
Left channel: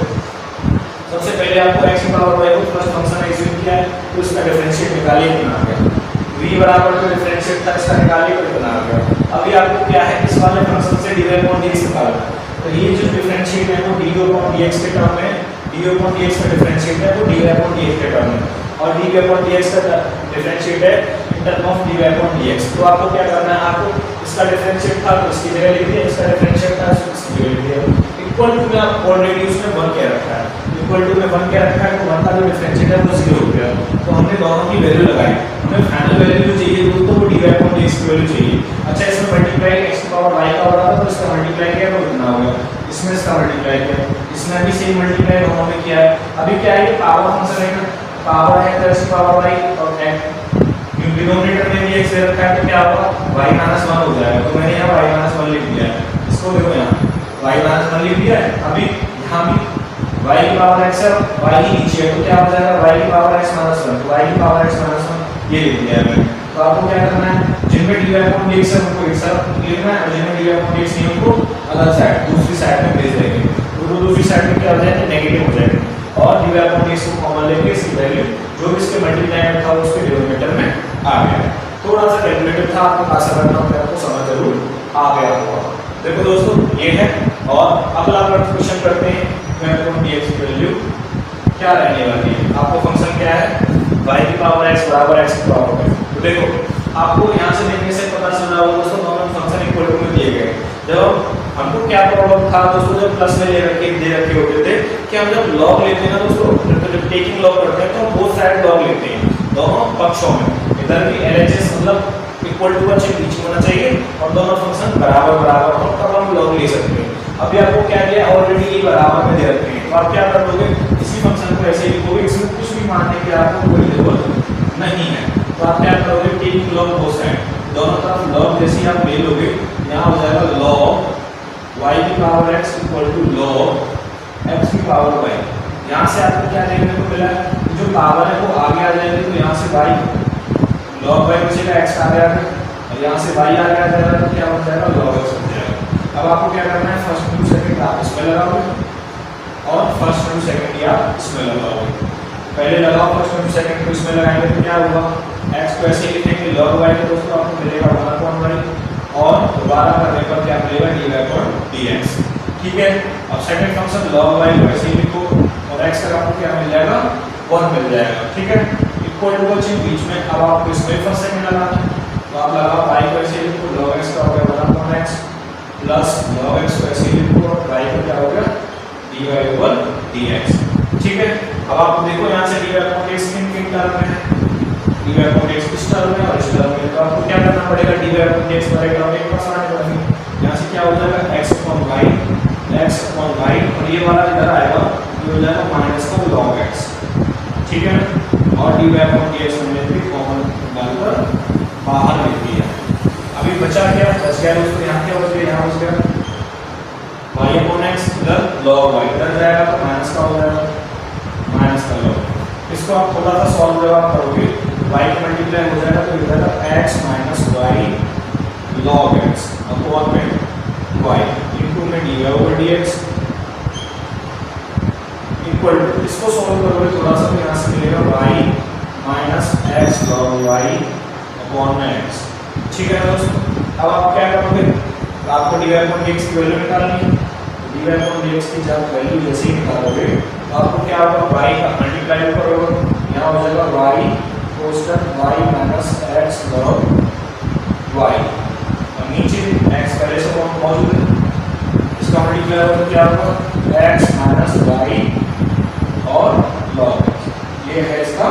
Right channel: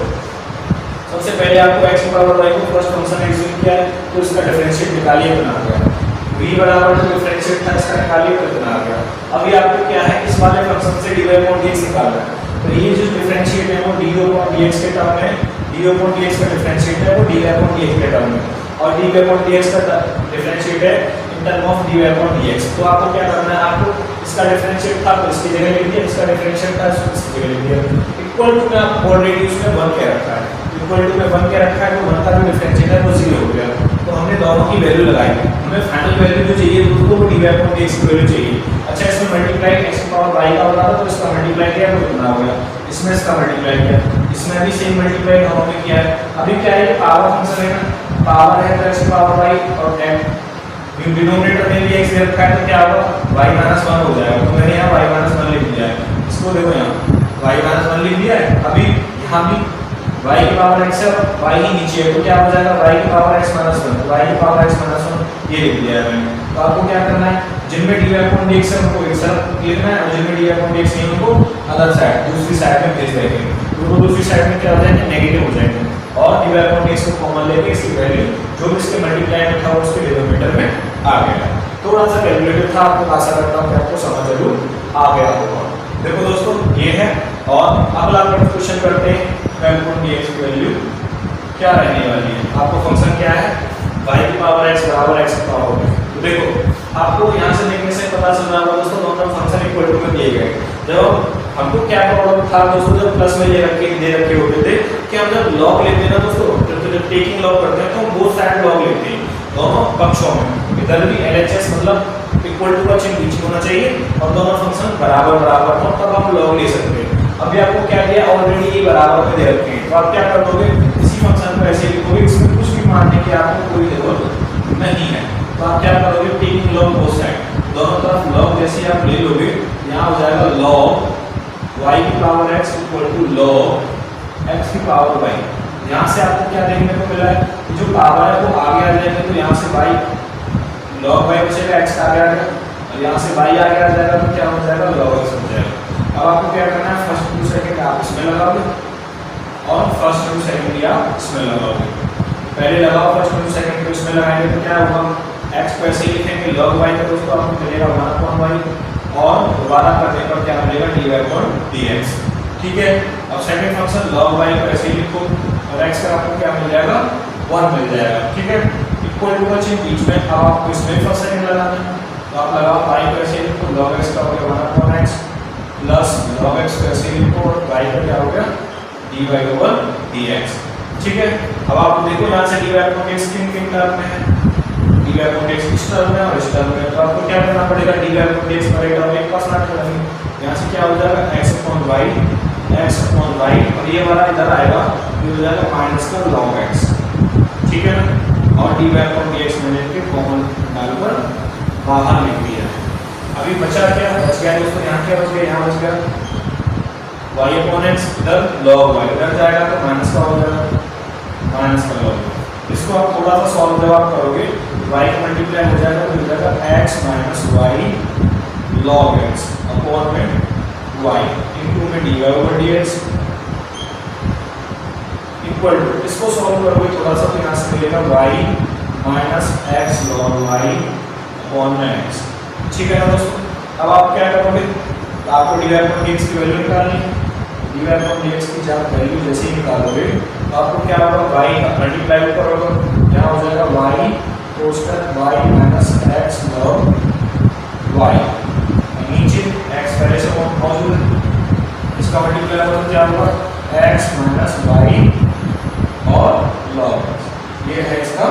सबसे पहले आपको x की पावर y को फर्स्ट फंक्शन एज्यूम किया है, तो इसका डिफरेंशिएट निकालिए कितना आ गया। v बराबर जो डिफरेंशिएट था इसका निकालिए कितना आ गया। अभी आपको क्या है, इस वाले फंक्शन से dy अपॉन dx निकालना है, तो ये जो डिफरेंशिएट है वो dy अपॉन dx के टर्म में, dy अपॉन dx का डिफरेंशिएट है वो dy अपॉन dx के टर्म में, और dy अपॉन dx का डिफरेंशिएट है in term of dy upon dx। तो आपको क्या करना है, आपको इसका डिफरेंशिएट था तो इसकी जगह लिख दिया, इसका डिफरेंशिएट था तो इसकी जगह लिख दिया। इक्वल टू में आप ऑलरेडी उसमें 1 के रखा है, इक्वल टू में 1 के रखा है, तो 1 का जो डिफरेंशिएट है वो 0 हो गया। तो हमने दोनों की वैल्यू लगाई, हमें फाइनल वैल्यू जो चाहिए दोस्तों वो dy अपॉन dx की वैल्यू चाहिए। अच्छा, इसमें मल्टीप्लाई x की पावर y का हो रहा था तो इसका मल्टीप्लाई किया तो कितना हो गया, इसमें इसका मल्टीप्लाई किया, इसमें भी सेम मल्टीप्लाई हमने किया है। अभी क्या है, ये पावर फंक्शन है ना, पावर है तो x की पावर y और डिनोमिनेटर में भी x रखा है तो क्या होगा, y माइनस 1 हो जाएगा। तो मैंने यहाँ y माइनस 1 लिख दिया है, इसको देखो यहाँ y माइनस 1 लिख दिया है। अभी यहाँ भी y की पावर x है, y ही नीचे है तो क्या हो जाएगा, y की पावर x माइनस 1, y की पावर x माइनस 1 ये लिख दिया है मैंने। तो आपको क्या करना है, जिनमें dy अपॉन dx है उनको एक तरफ लिखना है, और जिनमें dy अपॉन dx नहीं उनको अदर साइड दूसरी साइड में भेज देंगे। तो दूसरी साइड में क्या हो जाएंगे, नेगेटिव हो जाएंगे, और dy अपॉन dx को कॉमन लेके इसकी वैल्यू जो भी इसके मल्टीप्लाई में था उसके डिनोमिनेटर में आ गया। थोड़ा सा कैलकुलेटिव था, आपको आशा करता हूं कि आपको समझ जरूर आ गया होगा। देखो दोस्तों ये है, और अगला क्वेश्चन करते हैं, y अपॉन dx की वैल्यू क्या रहने वाली है। आपको फंक्शन क्या है, y की पावर x बराबर x की पावर y। तो देखो आपको यहाँ से देखने से पता चल रहा होगा दोस्तों, दोनों फंक्शन इक्वल टू में दिए गए। जब हमको क्या प्रॉब्लम था दोस्तों, जब प्लस में दे रखे होते थे कि हम जब लॉग लेते हैं ना दोस्तों, टेकिंग लॉग करते हैं तो बोथ साइड लॉग लेते हैं दोनों पक्षों में। इधर भी LHS मतलब इक्वल टू का चिन्ह बीच में होना चाहिए और दोनों फंक्शन बराबर बराबर हो, तब हम लॉग ले सकते हैं। अभी आपको क्या दिया, ऑलरेडी ये बराबर में दे रखे हैं, तो आप क्या कर दोगे, इसी फंक्शन को ऐसे लिखोगे, इसमें कुछ भी मानने की आपको कोई जरूरत नहीं है। तो आप क्या करोगे, टेकिंग लॉग बोथ साइड, दोनों तरफ लॉग जैसे आप ले लोगे, यहाँ हो जाएगा लॉग y की power x equal to log x की पावर y। यहाँ से आपको क्या देखने को मिला है, जो पावर है वो आगे आ जाएगी, तो यहाँ से y log y बचेगा, x आगे आ गया, और यहाँ से y आगे आ जाएगा तो क्या हो जाएगा, log x हो जाएगा। अब आपको क्या करना है, फर्स्ट टू सेकंड आप इसमें लगाओगे और फर्स्ट टू सेकंड आप इसमें लगाओगे। पहले लगाओ फर्स्ट टू सेकंड, तो इसमें लगाएंगे तो क्या होगा, x को ऐसे लिखेंगे log y, तो दोस्तों आपको मिलेगा 1/y, और दोबारा करने पर क्या मिलेगा, dy अपॉन dx। ठीक है, अब सेकंड फंक्शन log y वैसे ही लिखो, और x का आपको क्या मिल जाएगा, 1 मिल जाएगा। ठीक है, इक्वल टू का चिन्ह बीच में, अब आपको इसमें फर्स्ट सेकंड लगाना है, तो आप लगाओ y को ऐसे लिखो, log x का हो गया 1/x प्लस log x को ऐसे लिखो, और y का क्या हो गया, dy ओवर dx। ठीक है, अब आप देखो यहाँ से dy अपॉन dx किन टर्म में है, dy अपॉन dx इस टर्म में और इस टर्म में, तो आपको क्या करना पड़ेगा, dy अपॉन dx वाले टर्म एक पास लाना पड़ेगा। यहाँ से क्या हो जाएगा, x अपॉन y, और ये वाला इधर आएगा, ये हो जाएगा माइनस का log x। ठीक है, और dy अपॉन dx मैंने भी कॉमन डालकर बाहर लिख दिया। अभी बचा क्या, बच गया दोस्तों, यहाँ क्या बच गया, यहाँ बच गया y अपॉन x, इधर log y, इधर जाएगा तो माइनस का हो जाएगा, माइनस का log। इसको आप थोड़ा सा सॉल्व जब आप करोगे, y मल्टीप्लाई हो जाएगा तो इधर x minus y log x upon में y इनटू में dy over dx equal to, इसको सॉल्व करोगे थोड़ा सा तो यहाँ से मिलेगा y minus x log y upon में x। ठीक है ना दोस्तों, अब आप क्या करोगे, आपको dy अपॉन dx की वैल्यू निकालनी है, dy अपॉन dx की जब वैल्यू जैसे ही निकालोगे तो आपको क्या होगा, y का मल्टीप्लाई करोगे, यहाँ हो जाएगा y कोष्टक y minus x log y, और नीचे x पहले से मौजूद है, इसका मल्टीप्लाई होगा तो क्या होगा, x माइनस y और log, ये है इसका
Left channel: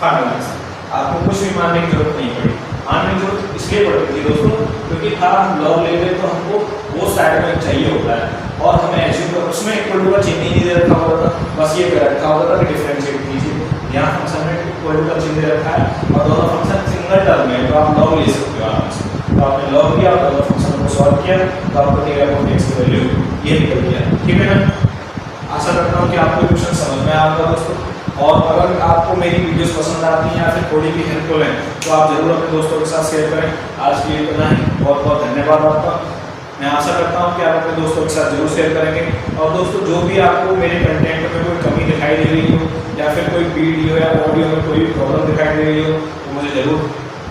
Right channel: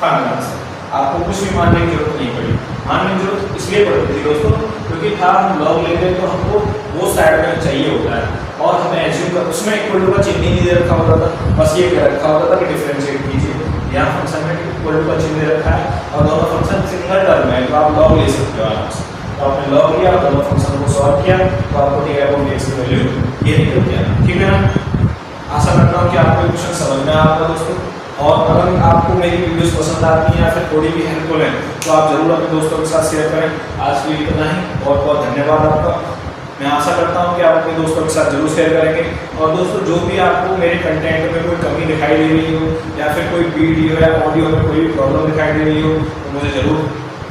फाइनल आंसर। आपको कुछ भी मानने की जरूरत नहीं पड़ी, मानने की जरूरत इसलिए पड़ती थी दोस्तों क्योंकि था हम लॉग लेंगे तो हमको वो साइड में चाहिए होता है, और हमें एज्यूम कर उसमें इक्वल टू का चिन्ह ही नहीं दे रखा होता था, बस ये रखा होता था कि डिफरेंशिएट कीजिए। यहाँ फंक्शन में इक्वल टू का चिन्ह दे रखा है और दोनों फंक्शन सिंगल टर्म है, तो आप लॉग ले सकते हो आराम से। तो आपने लॉग किया और लॉग फंक्शन को सॉल्व किया तो आपको टी अपॉन एक्स की वैल्यू ये निकल गया। ठीक है ना। आशा करता हूँ कि आपको क्वेश्चन समझ में आता है दोस्तों। और अगर आपको मेरी वीडियोस पसंद आती हैं या फिर थोड़ी भी हेल्पफुल है तो आप जरूर अपने दोस्तों के साथ शेयर करें। आज के लिए इतना ही, बहुत बहुत धन्यवाद आपका। मैं आशा करता हूँ कि आप अपने दोस्तों के साथ जरूर शेयर करेंगे। और दोस्तों जो भी आपको मेरे कंटेंट में कोई कमी दिखाई दे रही हो या फिर कोई वीडियो या ऑडियो में कोई भी प्रॉब्लम दिखाई दे रही हो तो मुझे जरूर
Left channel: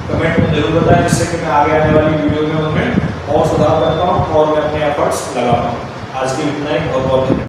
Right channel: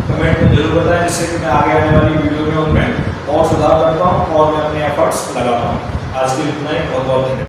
कमेंट में जरूर बताएं, जिससे कि मैं आगे आने वाली वीडियो में उनमें और सुधार कर पाऊँ और मैं अपने एफर्ट्स लगा पाऊँ। आज के लिए इतना ही, बहुत बहुत धन्यवाद।